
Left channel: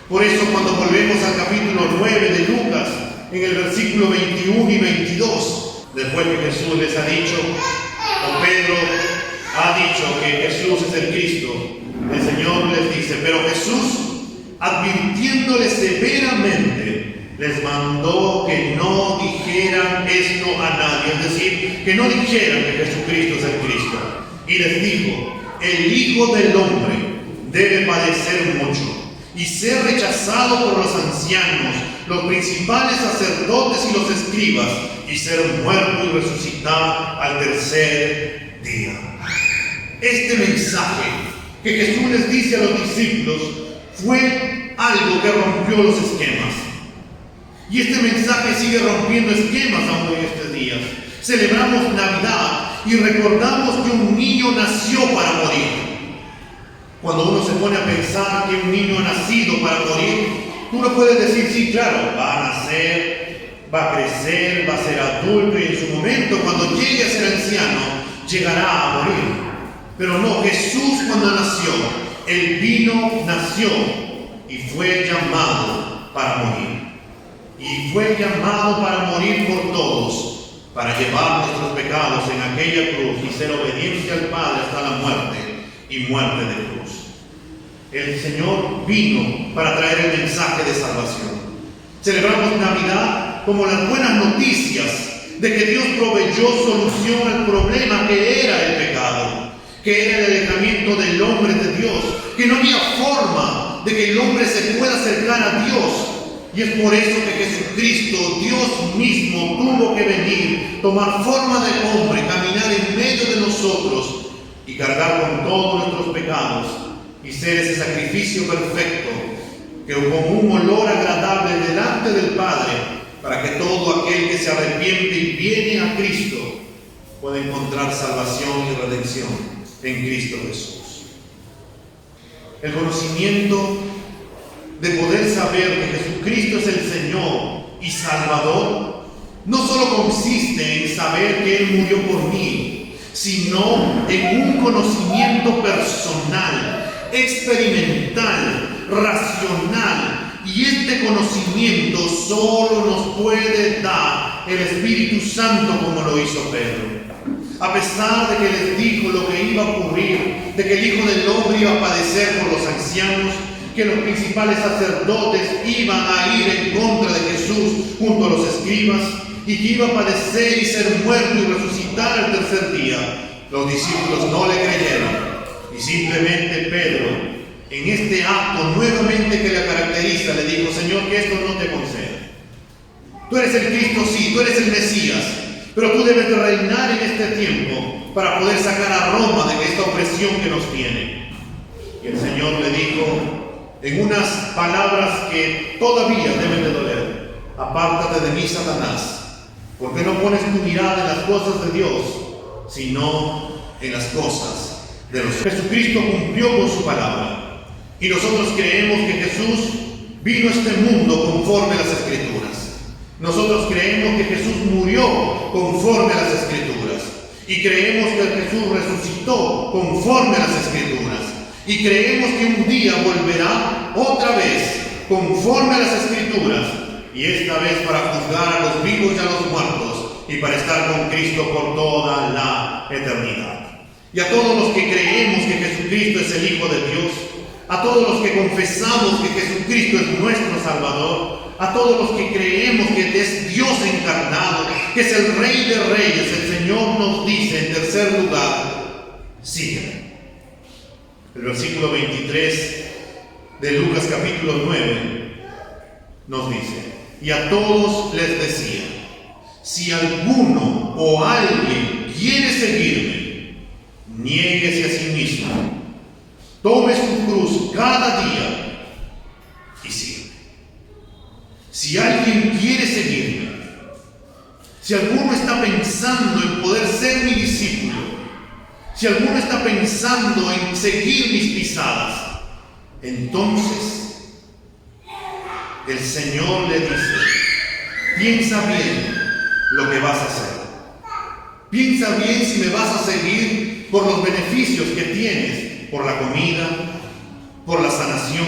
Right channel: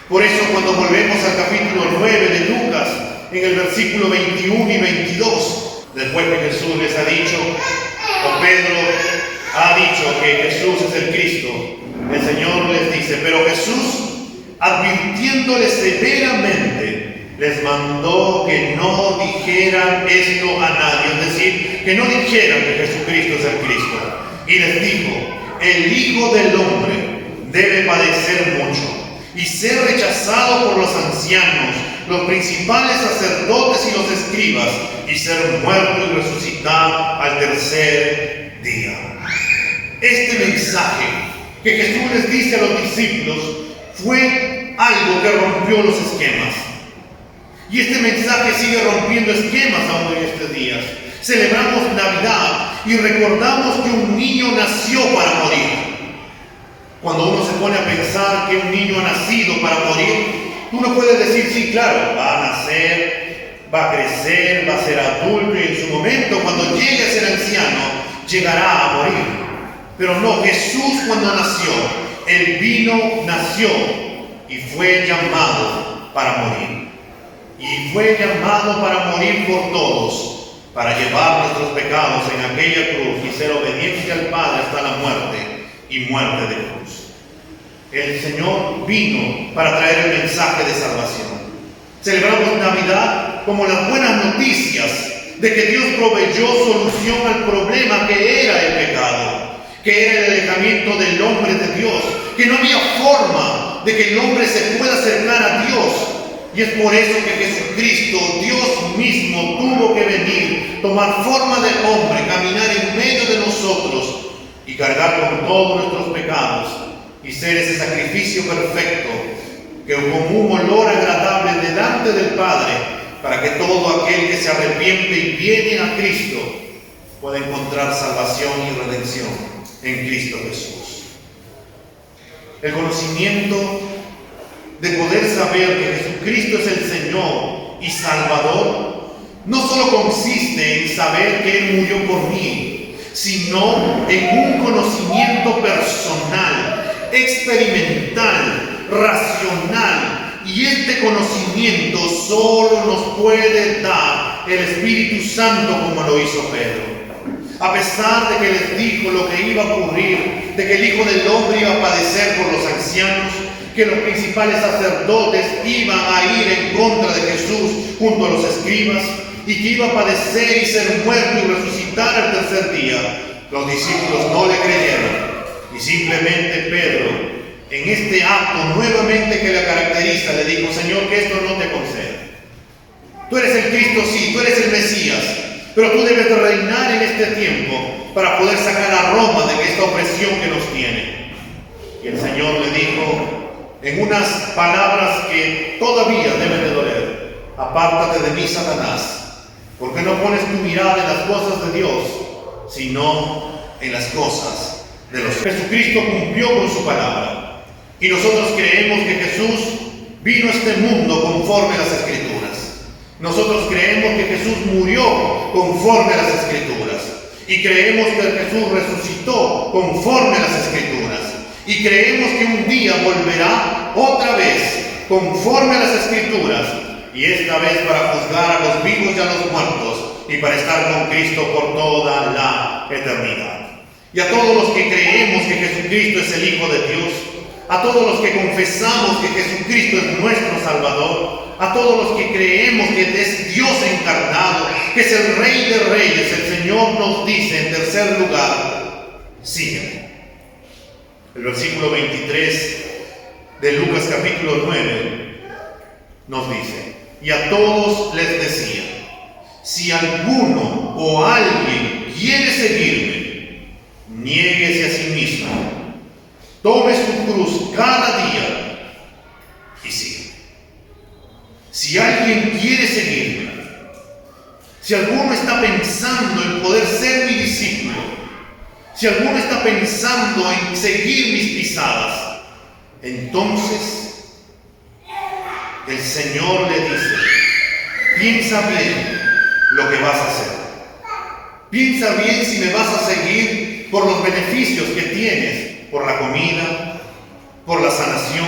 Por eso cuando volvemos al capítulo 9 de Lucas, en el versículo 21 y 22, después que Jesús les ha dicho, o Pedro ha dicho que Jesús es el Cristo, el Señor les dice: pero Jesús, advirtiéndole severamente, les mandó que no dijeran esto a nadie, es decir, que no dijeran que Jesucristo es el Cristo. Y les dijo: el Hijo del Hombre debe padecer mucho y ser rechazado por los ancianos, los principales sacerdotes y los escribas, y ser muerto y resucitar al tercer día. Este mensaje que Jesús les dice a los discípulos fue algo que rompió los esquemas. Y este mensaje sigue rompiendo esquemas aún en estos días. Celebramos Navidad y recordamos que un niño nació para morir. Cuando uno se pone a pensar que un niño ha nacido para morir, uno puede decir: sí, claro, va a nacer, va a crecer, va a ser adulto, y en su momento, cuando llegue a ser anciano, llegará a morir. Pero no, Jesús, cuando nació, Él nació y fue llamado para morir. Y fue llamado para morir por todos, para llevar nuestros pecados en aquella cruz y ser obediente al Padre hasta la muerte y muerte de cruz. El Señor vino para traer el mensaje de salvación. Celebramos Navidad como las buenas noticias de que Dios proveyó solución al problema que era el pecado, que era el alejamiento del hombre de Dios, que no había forma de que el hombre se pueda acercar a Dios. Y es por eso que Jesucristo, Dios mismo, tuvo que venir, tomar forma de hombre, caminar en medio de nosotros y cargar con todos nuestros pecados y ser ese sacrificio perfecto que con un olor agradable delante del Padre, para que todo aquel que se arrepiente y viene a Cristo pueda encontrar salvación y redención en Cristo Jesús. El conocimiento de poder saber que Jesucristo es el Señor y Salvador no solo consiste en saber que Él murió por mí, sino en un conocimiento personal, experimental, racional. Y este conocimiento solo nos puede dar el Espíritu Santo, como lo hizo Pedro. A pesar de que les dijo lo que iba a ocurrir, de que el Hijo del Hombre iba a padecer por los ancianos, que los principales sacerdotes iban a ir en contra de Jesús junto a los escribas, y que iba a padecer y ser muerto y resucitar al tercer día, los discípulos no le creyeron. Y simplemente Pedro, en este acto nuevamente que le caracteriza, le dijo: Señor, que esto no te conceda. Tú eres el Cristo, sí, tú eres el Mesías, pero tú debes de reinar en este tiempo para poder sacar a Roma de esta opresión que nos tiene. Y el Señor le dijo en unas palabras que todavía deben de doler: apártate de mí, Satanás, porque no pones tu mirada en las cosas de Dios, sino en las cosas de los hombres. Jesucristo cumplió con su palabra, y nosotros creemos que Jesús vino a este mundo conforme a las Escrituras. Nosotros creemos que Jesús murió conforme a las Escrituras, y creemos que Jesús resucitó conforme a las Escrituras, y creemos que un día volverá otra vez conforme a las Escrituras, y esta vez para juzgar a los vivos y a los muertos, y para estar con Cristo por toda la eternidad. Y a todos los que creemos que Jesucristo es el Hijo de Dios, a todos los que confesamos que Jesucristo es nuestro Salvador, a todos los que creemos que es Dios encarnado, que es el Rey de Reyes, el Señor nos dice en tercer lugar: sígueme. El versículo 23 de Lucas capítulo 9 nos dice: y a todos les decía: si alguno o alguien quiere seguirme, niéguese a sí mismo, tome su cruz cada día y sígueme. Si alguien quiere seguirme, si alguno está pensando en poder ser mi discípulo, si alguno está pensando en seguir mis pisadas, entonces el Señor le dice: piensa bien lo que vas a hacer. Piensa bien si me vas a seguir por los beneficios que tienes, por la comida, por la sanación,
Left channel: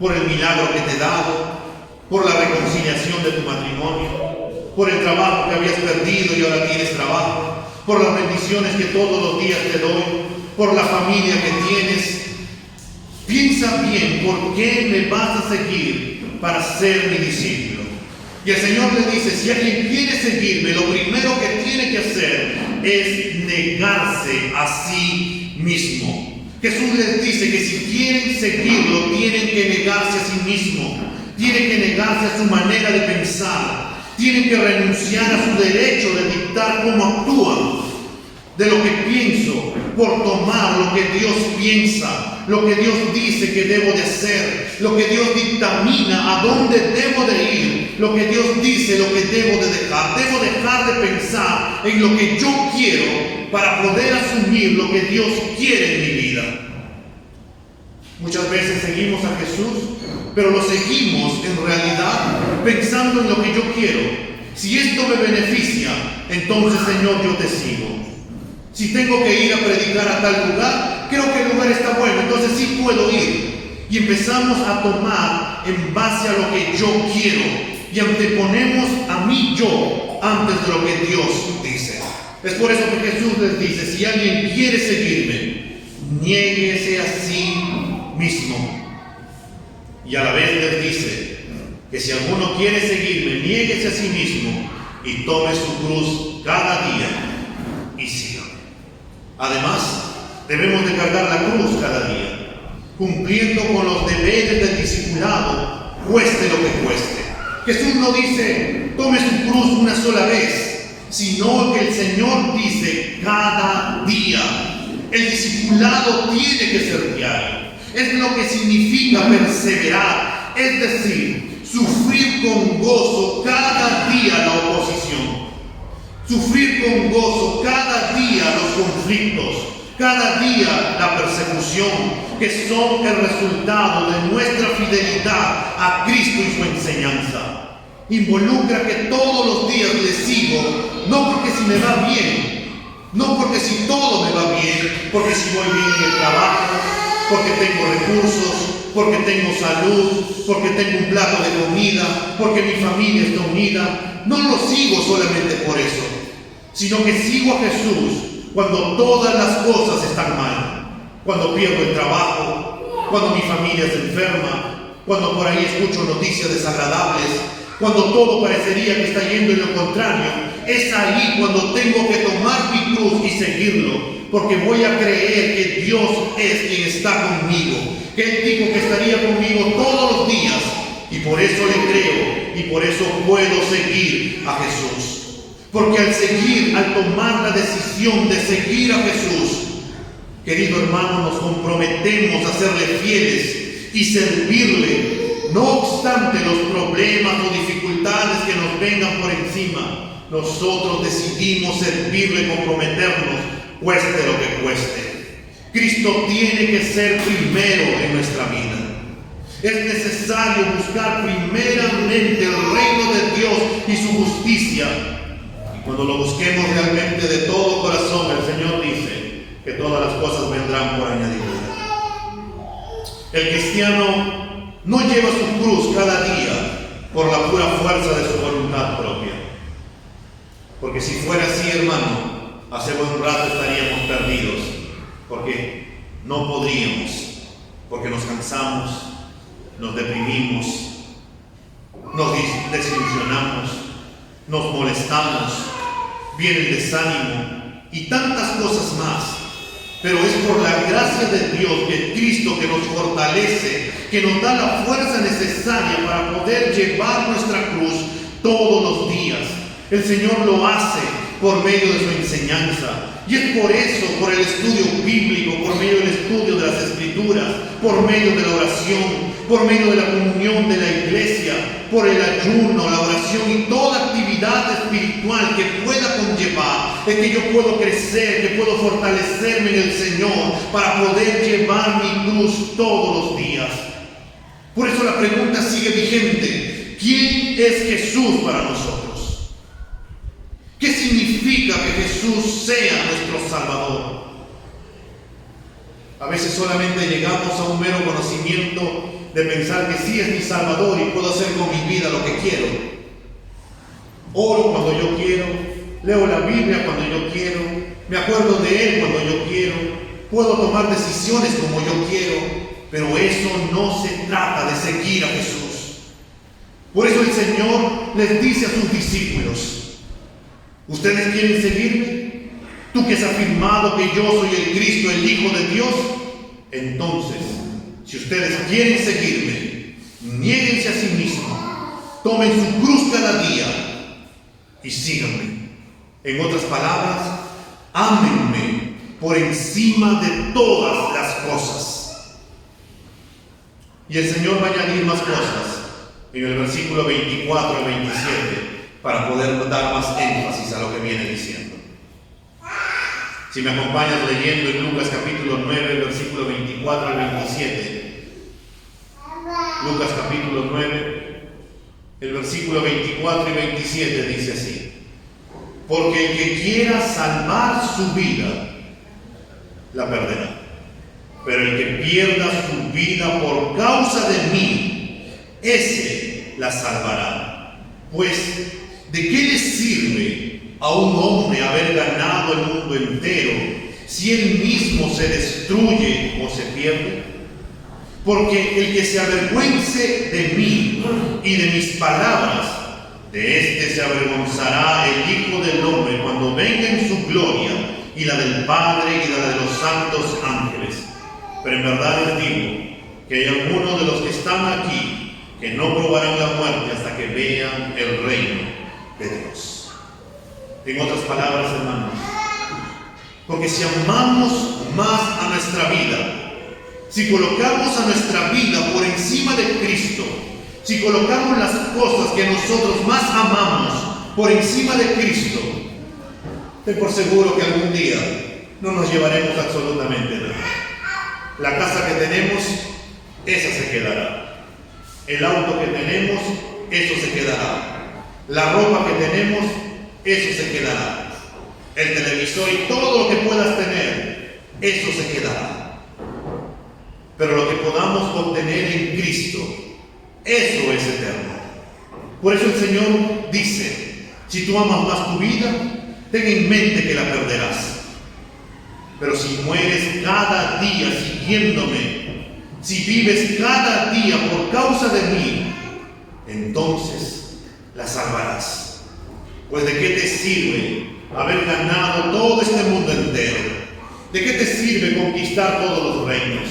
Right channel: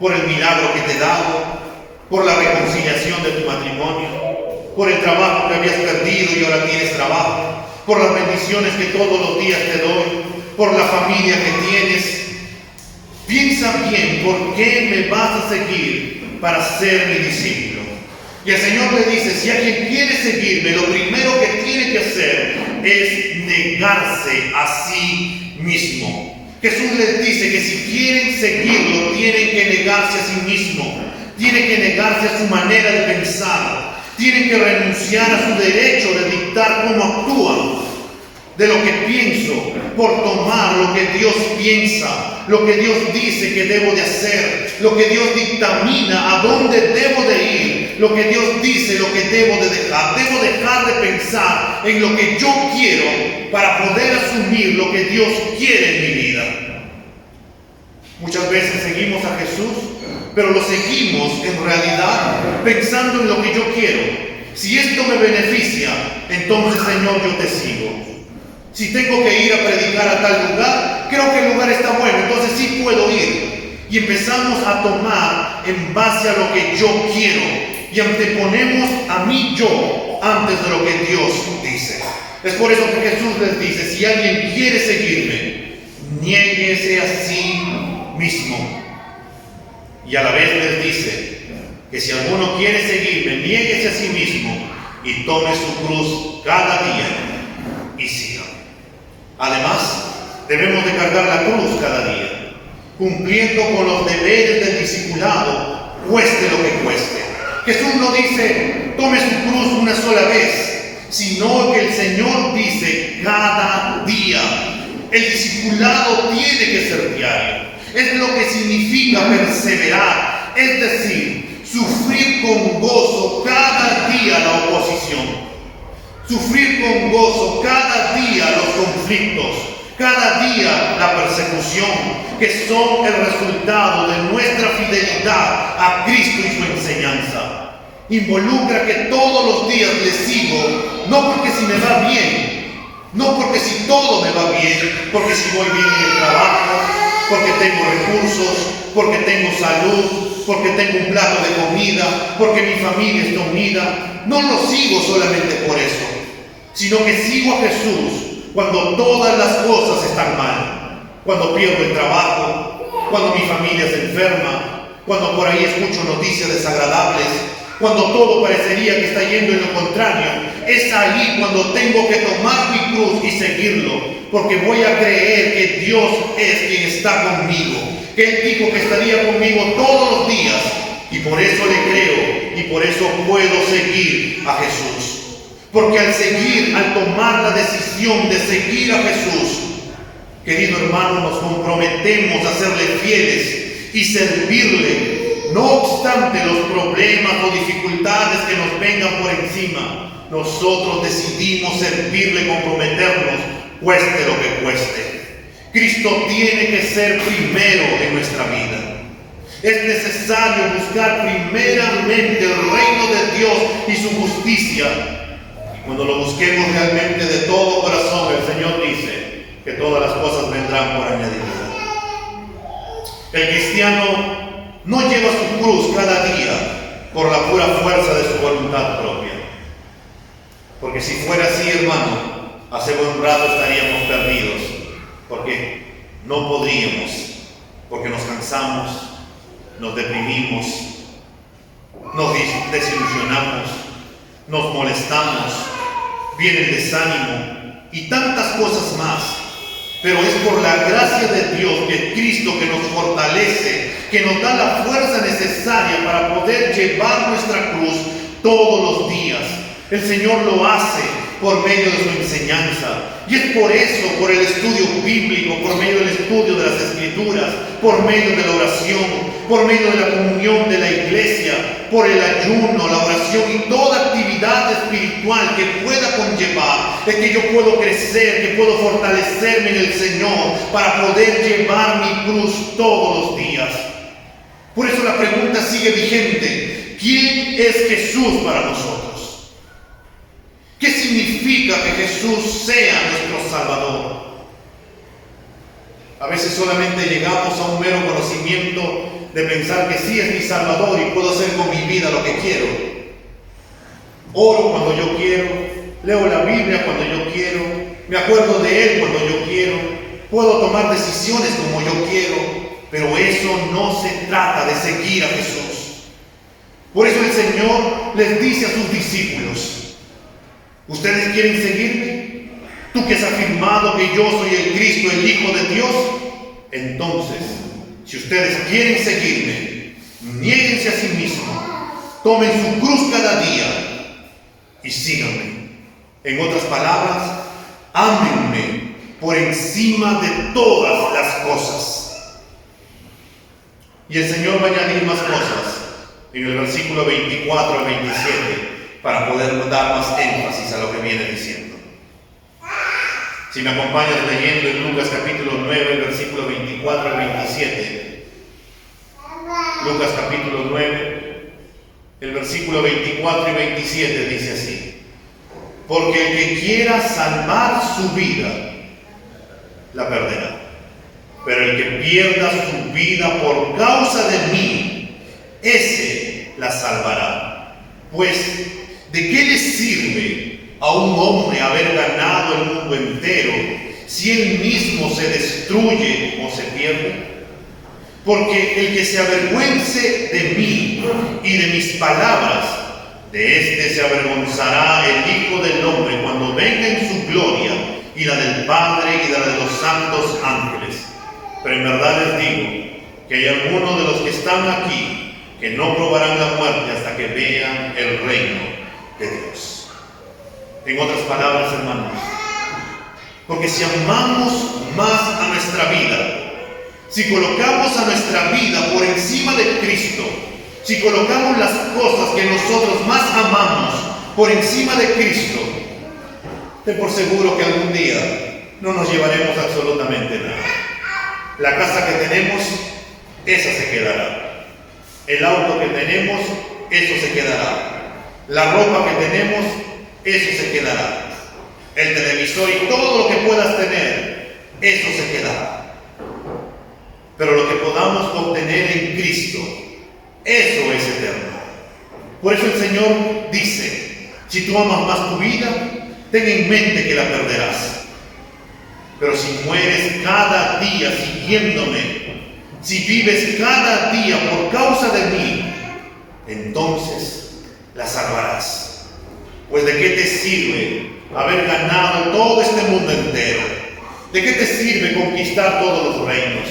por el milagro que te he dado, por la reconciliación de tu matrimonio, por el trabajo que habías perdido y ahora tienes trabajo, por las bendiciones que todos los días te doy, por la familia que tienes. Piensa bien por qué me vas a seguir para ser mi discípulo. Y el Señor le dice, si alguien quiere seguirme, lo primero que tiene que hacer es negarse a sí mismo. Jesús les dice que si quieren seguirlo, tienen que negarse a sí mismo, tienen que negarse a su manera de pensar, tienen que renunciar a su derecho de dictar cómo actúan, de lo que pienso, por tomar lo que Dios piensa, lo que Dios dice que debo de hacer, lo que Dios dictamina a dónde debo de ir, lo que Dios dice, lo que debo de dejar. Debo dejar de pensar en lo que yo quiero para poder asumir lo que Dios quiere en mi vida. Muchas veces seguimos a Jesús, pero lo seguimos en realidad pensando en lo que yo quiero. Si esto me beneficia, entonces Señor, yo te sigo. Si tengo que ir a predicar a tal lugar, creo que el lugar está bueno, entonces sí puedo ir. Y empezamos a tomar en base a lo que yo quiero y anteponemos a mí yo antes de lo que Dios dice. Es por eso que Jesús les dice, si alguien quiere seguirme, niéguese a sí mismo. Y a la vez les dice que si alguno quiere seguirme, niéguese a sí mismo y tome su cruz cada día y siga. Además, debemos de cargar la cruz cada día, cumpliendo con los deberes del discipulado, cueste lo que cueste. Jesús no dice, tome su cruz una sola vez, sino que el Señor dice, cada día. El discipulado tiene que ser diario. Es lo que significa perseverar, es decir, sufrir con gozo cada día la oposición. Sufrir con gozo cada día los conflictos, cada día la persecución, que son el resultado de nuestra fidelidad a Cristo y su enseñanza. Involucra que todos los días le sigo, no porque si me va bien, no porque si todo me va bien, porque si voy bien en el trabajo, porque tengo recursos, porque tengo salud, porque tengo un plato de comida, porque mi familia está unida. No lo sigo solamente por eso, sino que sigo a Jesús cuando todas las cosas están mal, cuando pierdo el trabajo, cuando mi familia se enferma, cuando por ahí escucho noticias desagradables, cuando todo parecería que está yendo en lo contrario. Es ahí cuando tengo que tomar mi cruz y seguirlo, porque voy a creer que Dios es quien está conmigo, que Él dijo que estaría conmigo todos los días, y por eso le creo y por eso puedo seguir a Jesús. Porque al seguir, al tomar la decisión de seguir a Jesús, querido hermano, nos comprometemos a serle fieles y servirle, no obstante los problemas o dificultades que nos vengan por encima. Nosotros decidimos servirle, comprometernos, cueste lo que cueste. Cristo tiene que ser primero en nuestra vida. Es necesario buscar primeramente el reino de Dios y su justicia. Cuando lo busquemos realmente de todo corazón, el Señor dice que todas las cosas vendrán por añadidura. El cristiano no lleva su cruz cada día por la pura fuerza de su voluntad propia. Porque si fuera así, hermano, hace buen rato estaríamos perdidos. Porque no podríamos, porque nos cansamos, nos deprimimos, nos desilusionamos, nos molestamos, viene el desánimo y tantas cosas más. Pero es por la gracia de Dios, que Cristo, que nos fortalece, que nos da la fuerza necesaria para poder llevar nuestra cruz todos los días. El Señor lo hace por medio de su enseñanza. Y es por eso, por el estudio bíblico, por medio del estudio de las Escrituras, por medio de la oración, por medio de la comunión de la iglesia, por el ayuno, la oración y toda actividad espiritual que pueda conllevar, es que yo puedo crecer, que puedo fortalecerme en el Señor para poder llevar mi cruz todos los días. Por eso la pregunta sigue vigente: ¿quién es Jesús para nosotros? ¿Qué significa que Jesús sea nuestro Salvador? A veces solamente llegamos a un mero conocimiento de pensar que sí es mi Salvador y puedo hacer con mi vida lo que quiero. Oro cuando yo quiero, leo la Biblia cuando yo quiero, me acuerdo de Él cuando yo quiero, puedo tomar decisiones como yo quiero, pero eso no se trata de seguir a Jesús. Por eso el Señor les dice a sus discípulos: ¿ustedes quieren seguirme? Tú que has afirmado que yo soy el Cristo, el Hijo de Dios. Entonces, si ustedes quieren seguirme, niéguense a sí mismos, tomen su cruz cada día y síganme. En otras palabras, ámenme por encima de todas las cosas. Y el Señor va a añadir más cosas en el versículo 24 al 27 para poder dar más énfasis a lo que viene diciendo. Si me acompañas leyendo en Lucas capítulo 9, versículo 24 al 27. Lucas capítulo 9, el versículo 24 y 27 dice así: porque el que quiera salvar su vida, la perderá. Pero el que pierda su vida por causa de mí, ese la salvará. Pues, ¿de qué le sirve a un hombre haber ganado el mundo entero si él mismo se destruye o se pierde? Porque el que se avergüence de mí y de mis palabras, de éste se avergonzará el Hijo del Hombre cuando venga en su gloria, y la del Padre y la de los santos ángeles. Pero en verdad les digo que hay algunos de los que están aquí que no probarán la muerte hasta que vean el reino de Dios. En otras palabras, hermanos, porque si amamos más a nuestra vida, si colocamos a nuestra vida por encima de Cristo, si colocamos las cosas que nosotros más amamos por encima de Cristo, ten por seguro que algún día no nos llevaremos absolutamente nada. La casa que tenemos, esa se quedará. El auto que tenemos, eso se quedará. La ropa que tenemos, eso se quedará. El televisor y todo lo que puedas tener, eso se quedará. Pero lo que podamos obtener en Cristo, eso es eterno. Por eso el Señor dice: si tú amas más tu vida, ten en mente que la perderás. Pero si mueres cada día siguiéndome, si vives cada día por causa de mí, entonces la salvarás. Pues ¿de qué te sirve haber ganado todo este mundo entero? ¿De qué te sirve conquistar todos los reinos?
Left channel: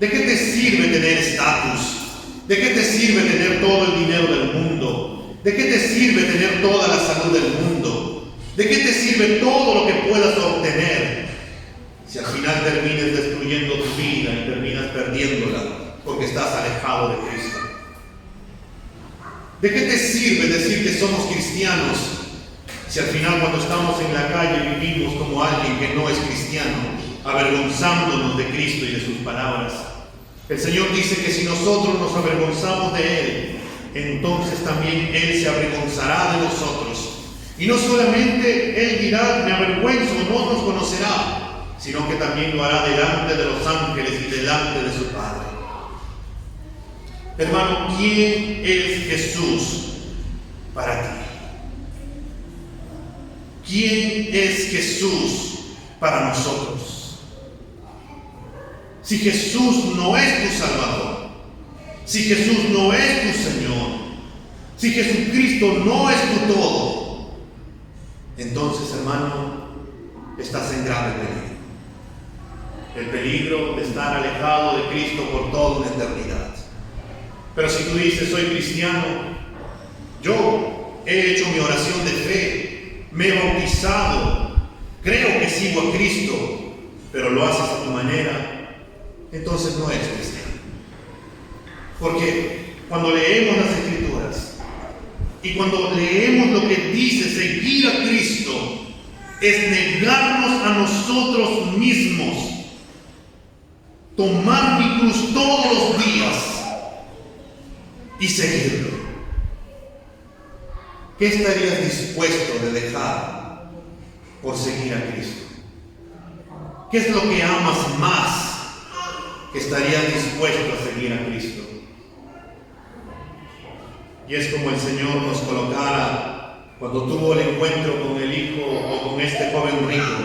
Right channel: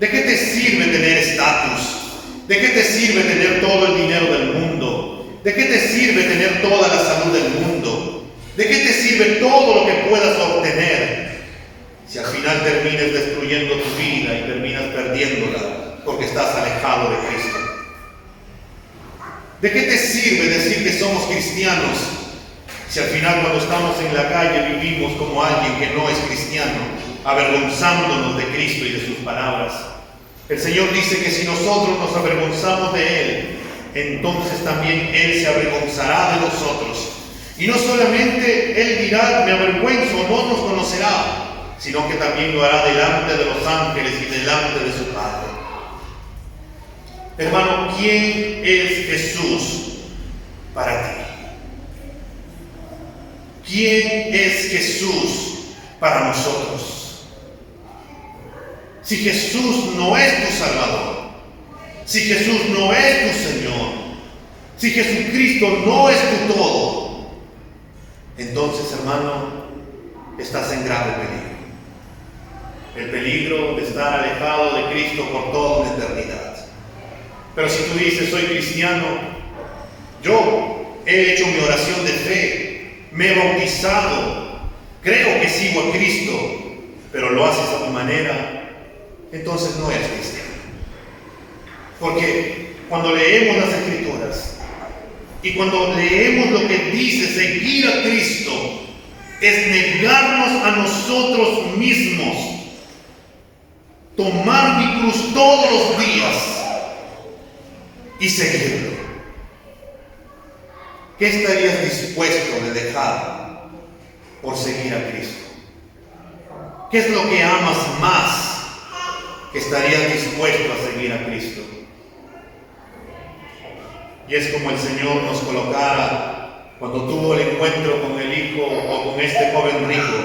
¿De qué te sirve tener estatus? ¿De qué te sirve tener todo el dinero del mundo? ¿De qué te sirve tener toda la salud del mundo? ¿De qué te sirve todo lo que puedas obtener si al final terminas destruyendo tu vida y terminas perdiéndola porque estás alejado de Cristo? ¿De qué te sirve decir que somos cristianos si al final, cuando estamos en la calle, vivimos como alguien que no es cristiano, avergonzándonos de Cristo y de sus palabras? El Señor dice que si nosotros nos avergonzamos de Él, entonces también Él se avergonzará de nosotros. Y no solamente Él dirá: me avergüenzo, no nos conocerá, sino que también lo hará delante de los ángeles y delante de su Padre. Hermano, ¿quién es Jesús para ti? ¿Quién es Jesús para nosotros? Si Jesús no es tu Salvador, si Jesús no es tu Señor, si Jesucristo no es tu todo, entonces, hermano, estás en grave peligro. El peligro de estar alejado de Cristo por toda una eternidad. Pero si tú dices: soy cristiano, yo he hecho mi oración de fe, me he bautizado, creo que sigo a Cristo, pero lo haces a tu manera, entonces no eres cristiano. Porque cuando leemos las Escrituras y cuando leemos lo que dice seguir a Cristo, es negarnos a nosotros mismos, tomar mi cruz todos los días y seguirlo. ¿Qué estarías dispuesto de dejar por seguir a Cristo? ¿Qué es lo que amas más que estarías dispuesto a seguir a Cristo? Y es como el Señor nos colocara cuando tuvo el encuentro con el hijo o con este joven rico.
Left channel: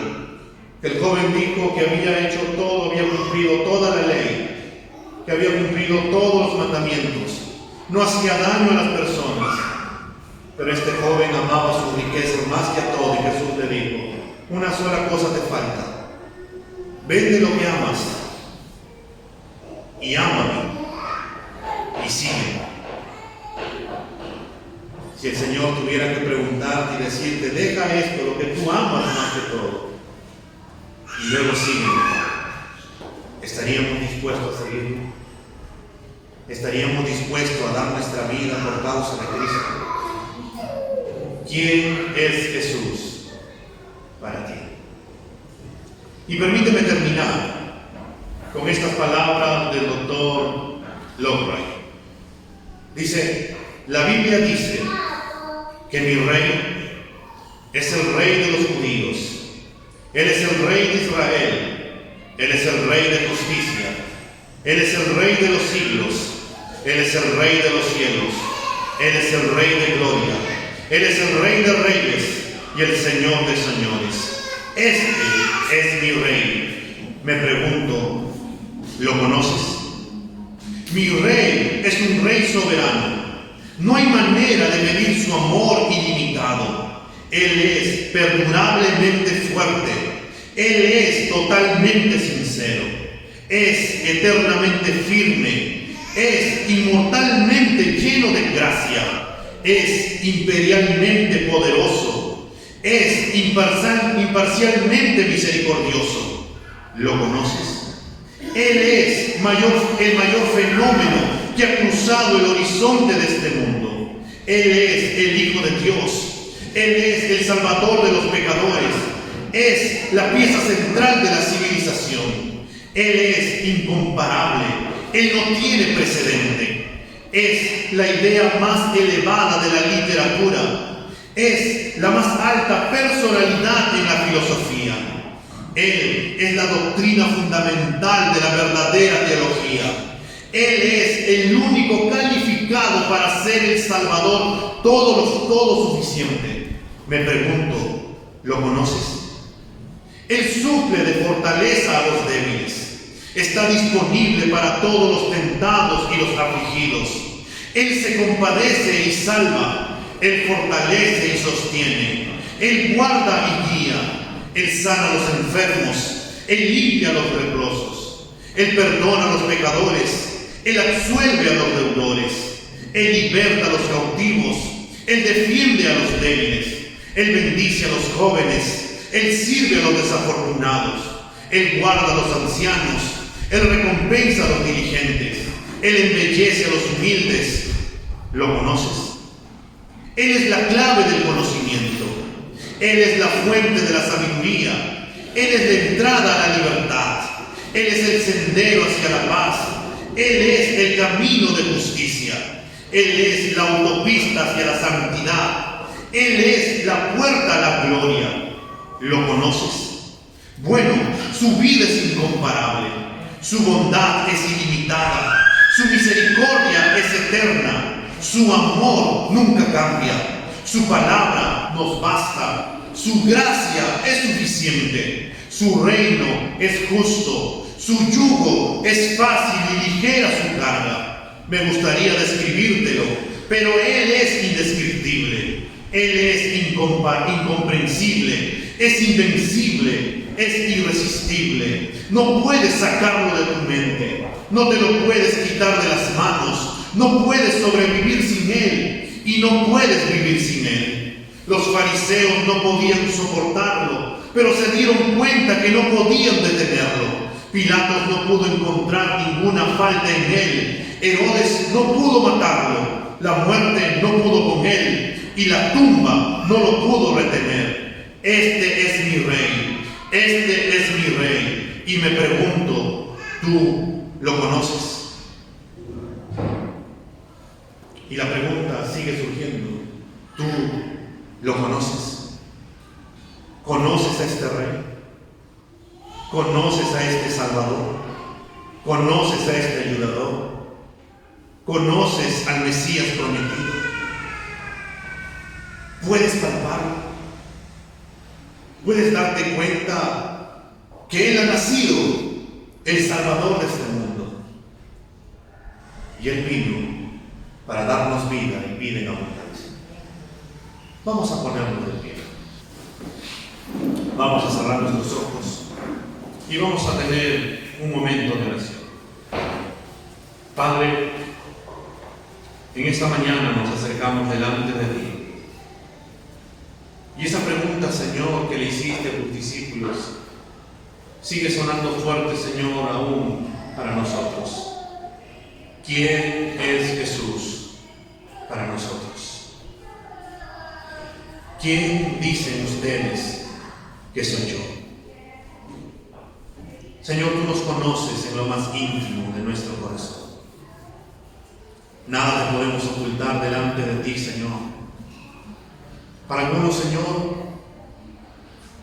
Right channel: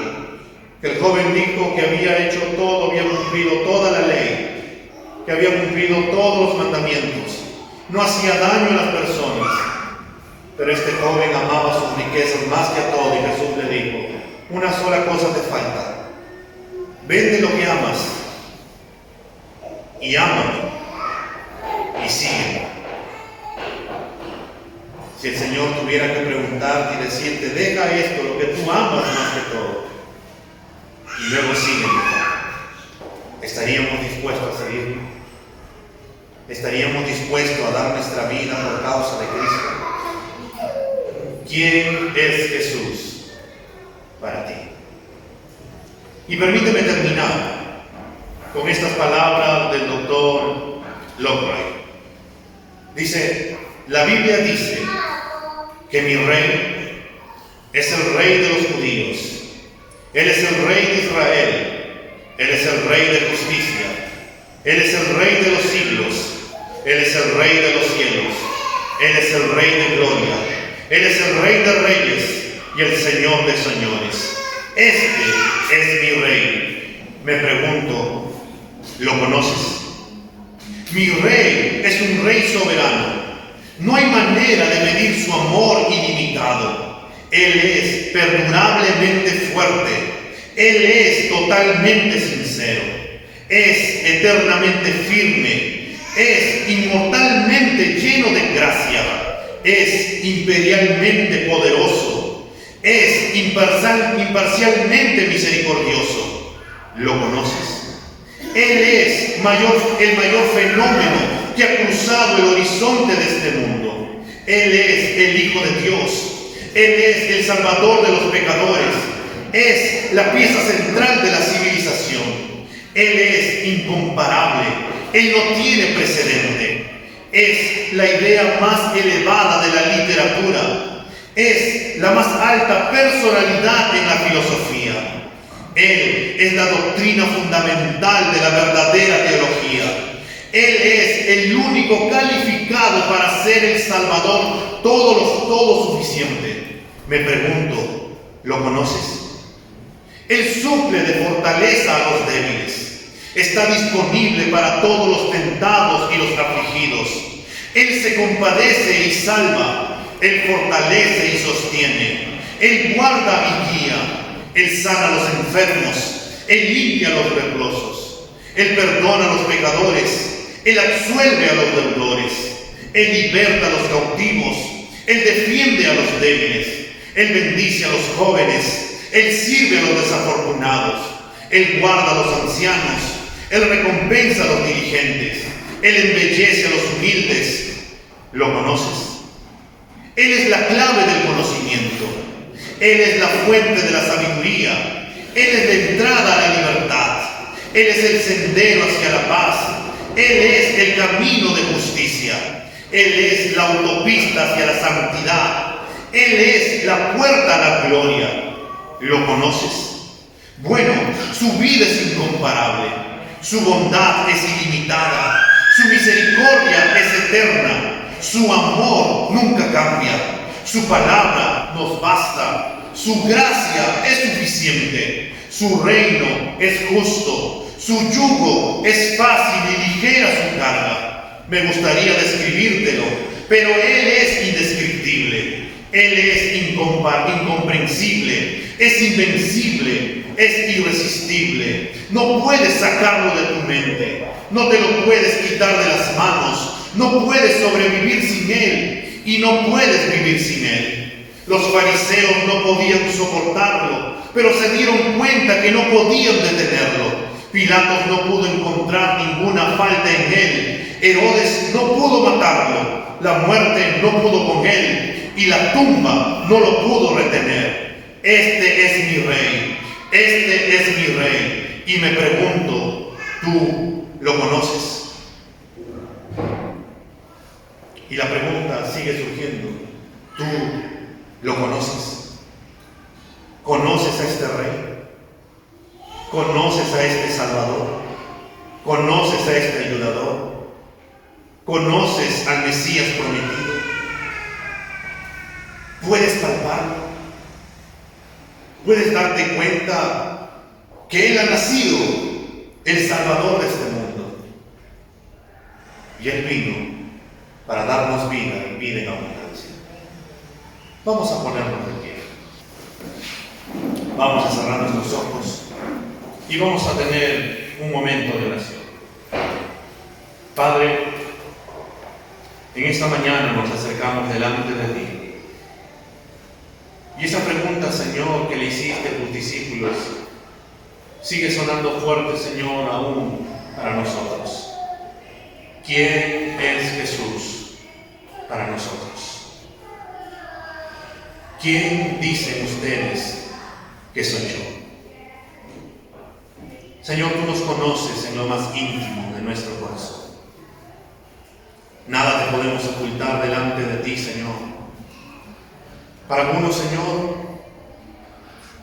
Que el joven dijo que había hecho todo, había cumplido toda la ley, que había cumplido todos los mandamientos. no hacía daño a las personas. Pero este joven amaba sus riquezas más que a todo, y Jesús le dijo: una sola cosa te falta. Vende lo que amas y ámame y sígueme. Si el Señor tuviera que preguntarte y decirte: deja esto, lo que tú amas más que todo, y luego sígueme, ¿estaríamos dispuestos a seguirlo? ¿Estaríamos dispuestos a dar nuestra vida por causa de Cristo? ¿Quién es Jesús para ti? Y permíteme terminar con estas palabras del doctor Lockray. Dice: la Biblia dice que mi rey es el rey de los judíos. Él es el rey de Israel. Él es el rey de justicia. Él es el rey de los siglos. Él es el rey de los cielos. Él es el rey de gloria. Él es el rey de reyes y el Señor de señores. Este es mi rey. Me pregunto, ¿lo conoces? Mi rey es un rey soberano. No hay manera de medir su amor ilimitado. Él es perdurablemente fuerte. Él es totalmente sincero. Es eternamente firme. Es inmortalmente lleno de gracia. Es imperialmente poderoso. Es imparcialmente misericordioso. ¿Lo conoces? Él es el mayor fenómeno que ha cruzado el horizonte de este mundo. Él es el Hijo de Dios. Él es el Salvador de los pecadores. Es la pieza central de la civilización. Él es incomparable. Él no tiene precedente. Es la idea más elevada de la literatura. Es la más alta personalidad en la filosofía. Él es la doctrina fundamental de la verdadera teología. Él es el único calificado para ser el Salvador, todo suficiente. Me pregunto, ¿lo conoces? Él suple de fortaleza a los débiles. Está disponible para todos los tentados y los afligidos. Él se compadece y salva. Él fortalece y sostiene. Él guarda y guía. Él sana a los enfermos. Él limpia a los leprosos. Él perdona a los pecadores. Él absuelve a los deudores. Él liberta a los cautivos. Él defiende a los débiles. Él bendice a los jóvenes. Él sirve a los desafortunados. Él guarda a los ancianos. Él recompensa a los diligentes. Él embellece a los humildes. ¿Lo conoces? Él es la clave del conocimiento. Él es la fuente de la sabiduría. Él es la entrada a la libertad. Él es el sendero hacia la paz. Él es el camino de justicia. Él es la autopista hacia la santidad. Él es la puerta a la gloria. ¿Lo conoces? Bueno, su vida es incomparable. Su bondad es ilimitada. Su misericordia es eterna. Su amor nunca cambia. Su palabra nos basta. Su gracia es suficiente. Su reino es justo. Su yugo es fácil y ligera su carga. Me gustaría describírtelo, pero Él es indescriptible. Él es incomprensible. Es invencible. Es irresistible. No puedes sacarlo de tu mente. No te lo puedes quitar de las manos. No puedes sobrevivir sin Él. Y no puedes vivir sin Él. Los fariseos no podían soportarlo, pero se dieron cuenta que no podían detenerlo. Pilatos no pudo encontrar ninguna falta en Él. Herodes no pudo matarlo. La muerte no pudo con Él. Y la tumba no lo pudo retener. Este es mi Rey. Este es mi Rey. Y me pregunto, ¿tú lo conoces? Y la pregunta sigue surgiendo. ¿Tú lo conoces? ¿Conoces a este Rey? ¿Conoces a este Salvador? ¿Conoces a este ayudador? ¿Conoces al Mesías prometido? ¿Puedes palparlo? ¿Puedes darte cuenta que Él ha nacido el Salvador de este mundo? Y Él vino para darnos vida y vida en abundancia. Vamos a ponernos de pie. Vamos a cerrar nuestros ojos y vamos a tener un momento de oración. Padre, en esta mañana nos acercamos delante de ti. Y esa pregunta, Señor, que le hiciste a tus discípulos, sigue sonando fuerte, Señor, aún para nosotros. ¿Quién es Jesús para nosotros? ¿Quién dicen ustedes que soy yo? Señor, tú nos conoces en lo más íntimo de nuestro corazón. Nada te podemos ocultar delante de ti, Señor. Para algunos, Señor,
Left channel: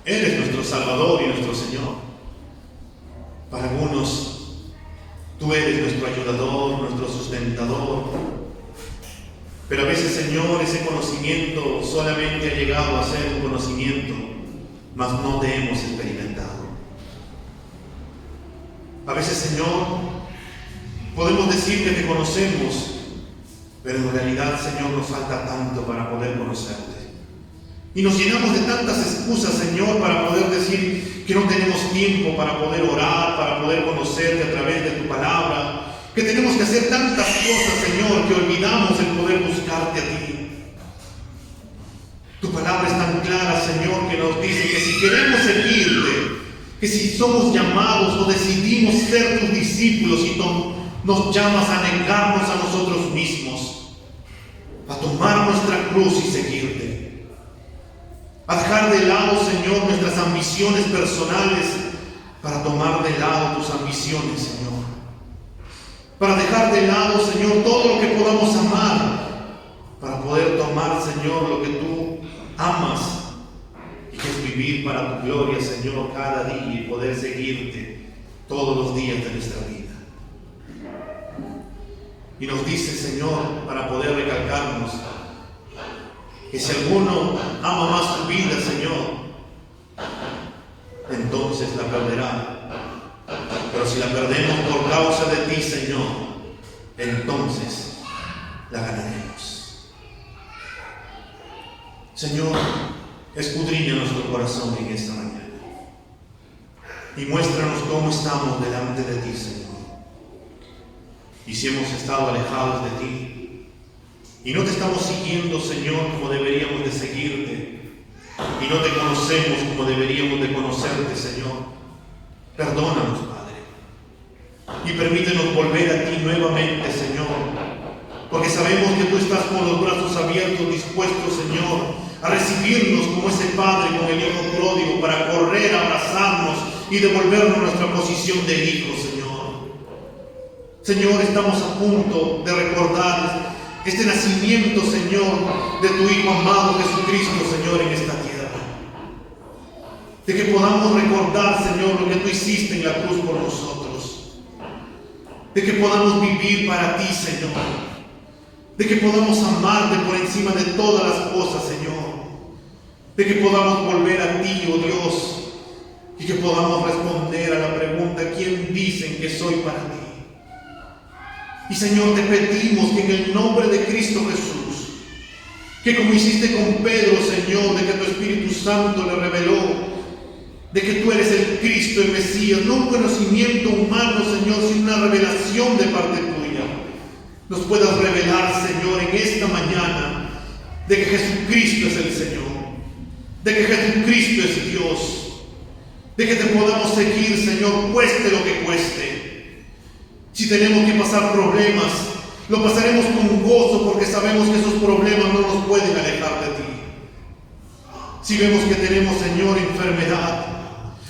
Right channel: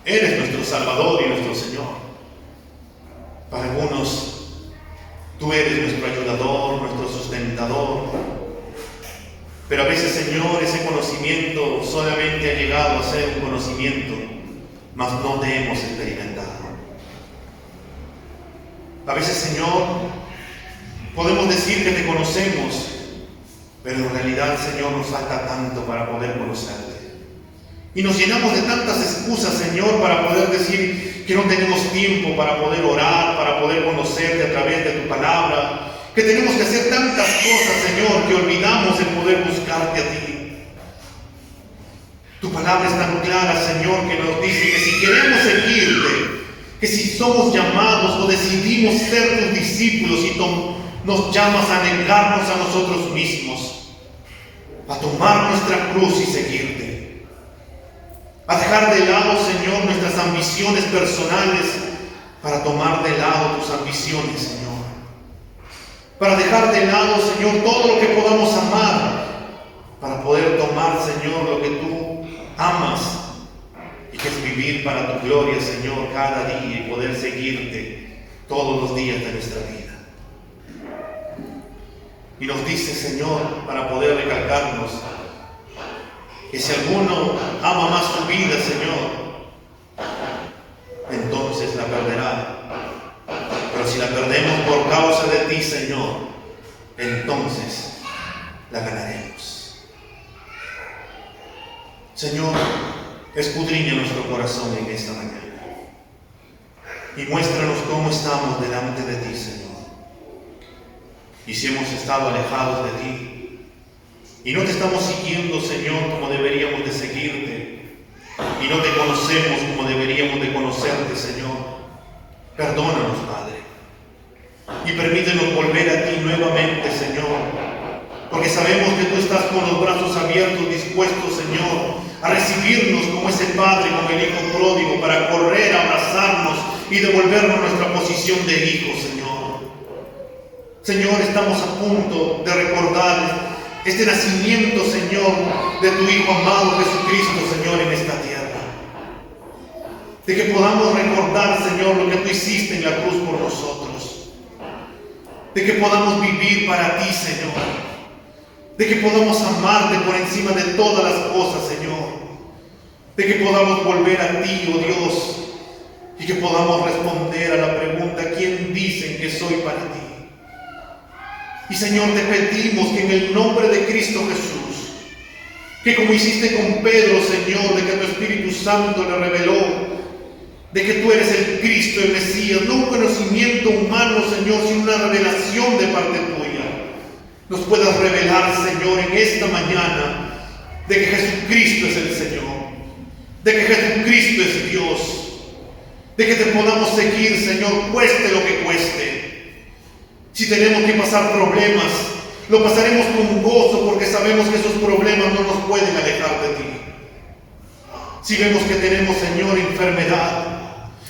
eres nuestro Salvador y nuestro Señor. Para algunos, tú eres nuestro ayudador, nuestro sustentador. Pero a veces, Señor, ese conocimiento solamente ha llegado a ser un conocimiento, mas no te hemos experimentado. A veces, Señor, podemos decir que te conocemos, pero en realidad, Señor, nos falta tanto para poder conocerte. Y nos llenamos de tantas excusas, Señor, para poder decir que no tenemos tiempo para poder orar, para poder conocerte a través de tu palabra, que tenemos que hacer tantas cosas, Señor, que olvidamos el poder buscarte a ti. Tu palabra es tan clara, Señor, que nos dice que si queremos seguirte, que si somos llamados o decidimos ser tus discípulos y nos llamas a negarnos a nosotros mismos, a tomar nuestra cruz y seguirte. A dejar de lado, Señor, nuestras ambiciones personales para tomar de lado tus ambiciones, Señor. Para dejar de lado, Señor, todo lo que podamos amar para poder tomar, Señor, lo que tú amas y que es vivir para tu gloria, Señor, cada día y poder seguirte todos los días de nuestra vida. Y nos dice, Señor, para poder recalcarnos, que si alguno ama más su vida, Señor, entonces la perderá. Pero si la perdemos por causa de ti, Señor, entonces la ganaremos. Señor, escudriña nuestro corazón en esta mañana y muéstranos cómo estamos delante de ti, Señor. Y si hemos estado alejados de ti, y no te estamos siguiendo, Señor, como deberíamos de seguirte, y no te conocemos como deberíamos de conocerte, Señor, perdónanos, Padre, y permítenos volver a ti nuevamente, Señor, porque sabemos que tú estás con los brazos abiertos, dispuestos, Señor, a recibirnos como ese Padre con el Hijo pródigo, para correr, abrazarnos y devolvernos nuestra posición de hijo, Señor. Señor, estamos a punto de recordar este nacimiento, Señor, de tu Hijo amado Jesucristo, Señor, en esta tierra. De que podamos recordar, Señor, lo que tú hiciste en la cruz por nosotros. De que podamos vivir para ti, Señor. De que podamos amarte por encima de todas las cosas, Señor. De que podamos volver a ti, oh Dios, y que podamos responder a la pregunta, ¿quién dicen que soy para ti? Y Señor, te pedimos que en el nombre de Cristo Jesús, que como hiciste con Pedro, Señor, de que tu Espíritu Santo le reveló, de que tú eres el Cristo, el Mesías, no un conocimiento humano, Señor, sino una revelación de parte tuya, nos puedas revelar, Señor, en esta mañana, de que Jesucristo es el Señor, de que Jesucristo es Dios, de que te podamos seguir, Señor, cueste lo que cueste. Si tenemos que pasar problemas, lo pasaremos con gozo, porque sabemos que esos problemas no nos pueden alejar de ti. Si vemos que tenemos, Señor, enfermedad,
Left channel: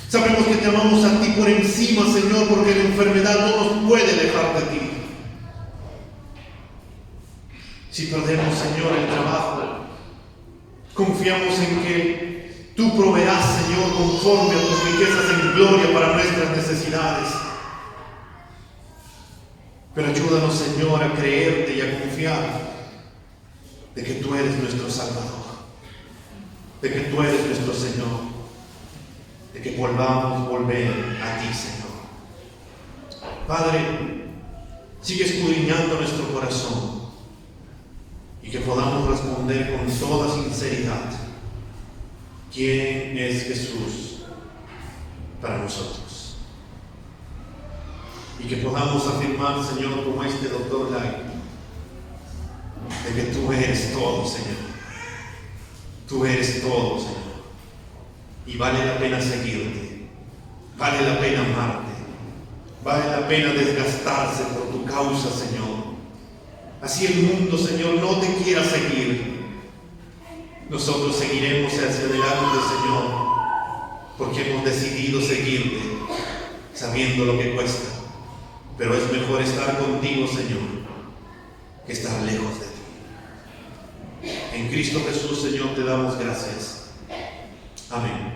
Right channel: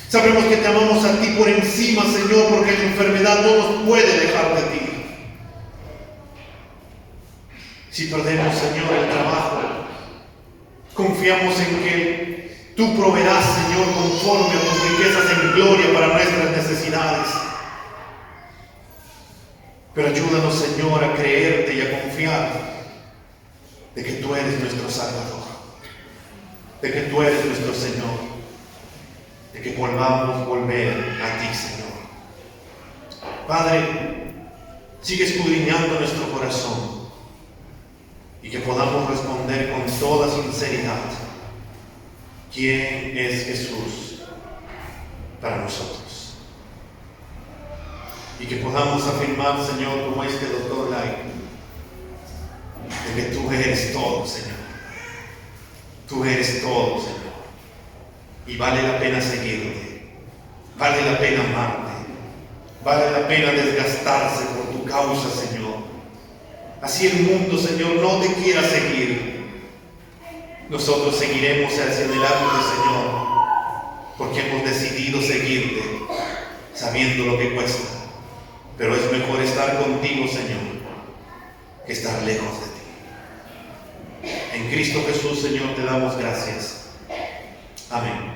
sabremos que te amamos a ti por encima, Señor, porque la enfermedad no nos puede alejar de ti. Si perdemos, Señor, el trabajo, confiamos en que tú proveerás, Señor, conforme a tus riquezas en gloria para nuestras necesidades. Pero ayúdanos, Señor, a creerte y a confiar de que tú eres nuestro Salvador, de que tú eres nuestro Señor, de que volvamos a volver a ti, Señor. Padre, sigue escudriñando nuestro corazón y que podamos responder con toda sinceridad: ¿quién es Jesús para nosotros? Y que podamos afirmar, Señor, como este doctor Lai, de que tú eres todo, Señor. Tú eres todo, Señor. Y vale la pena seguirte, vale la pena amarte, vale la pena desgastarse por tu causa, Señor. Así el mundo, Señor, no te quiera seguir, nosotros seguiremos hacia adelante, Señor, porque hemos decidido seguirte, sabiendo lo que cuesta. Pero es mejor estar contigo, Señor, que estar lejos de ti. En Cristo Jesús, Señor, te damos gracias. Amén.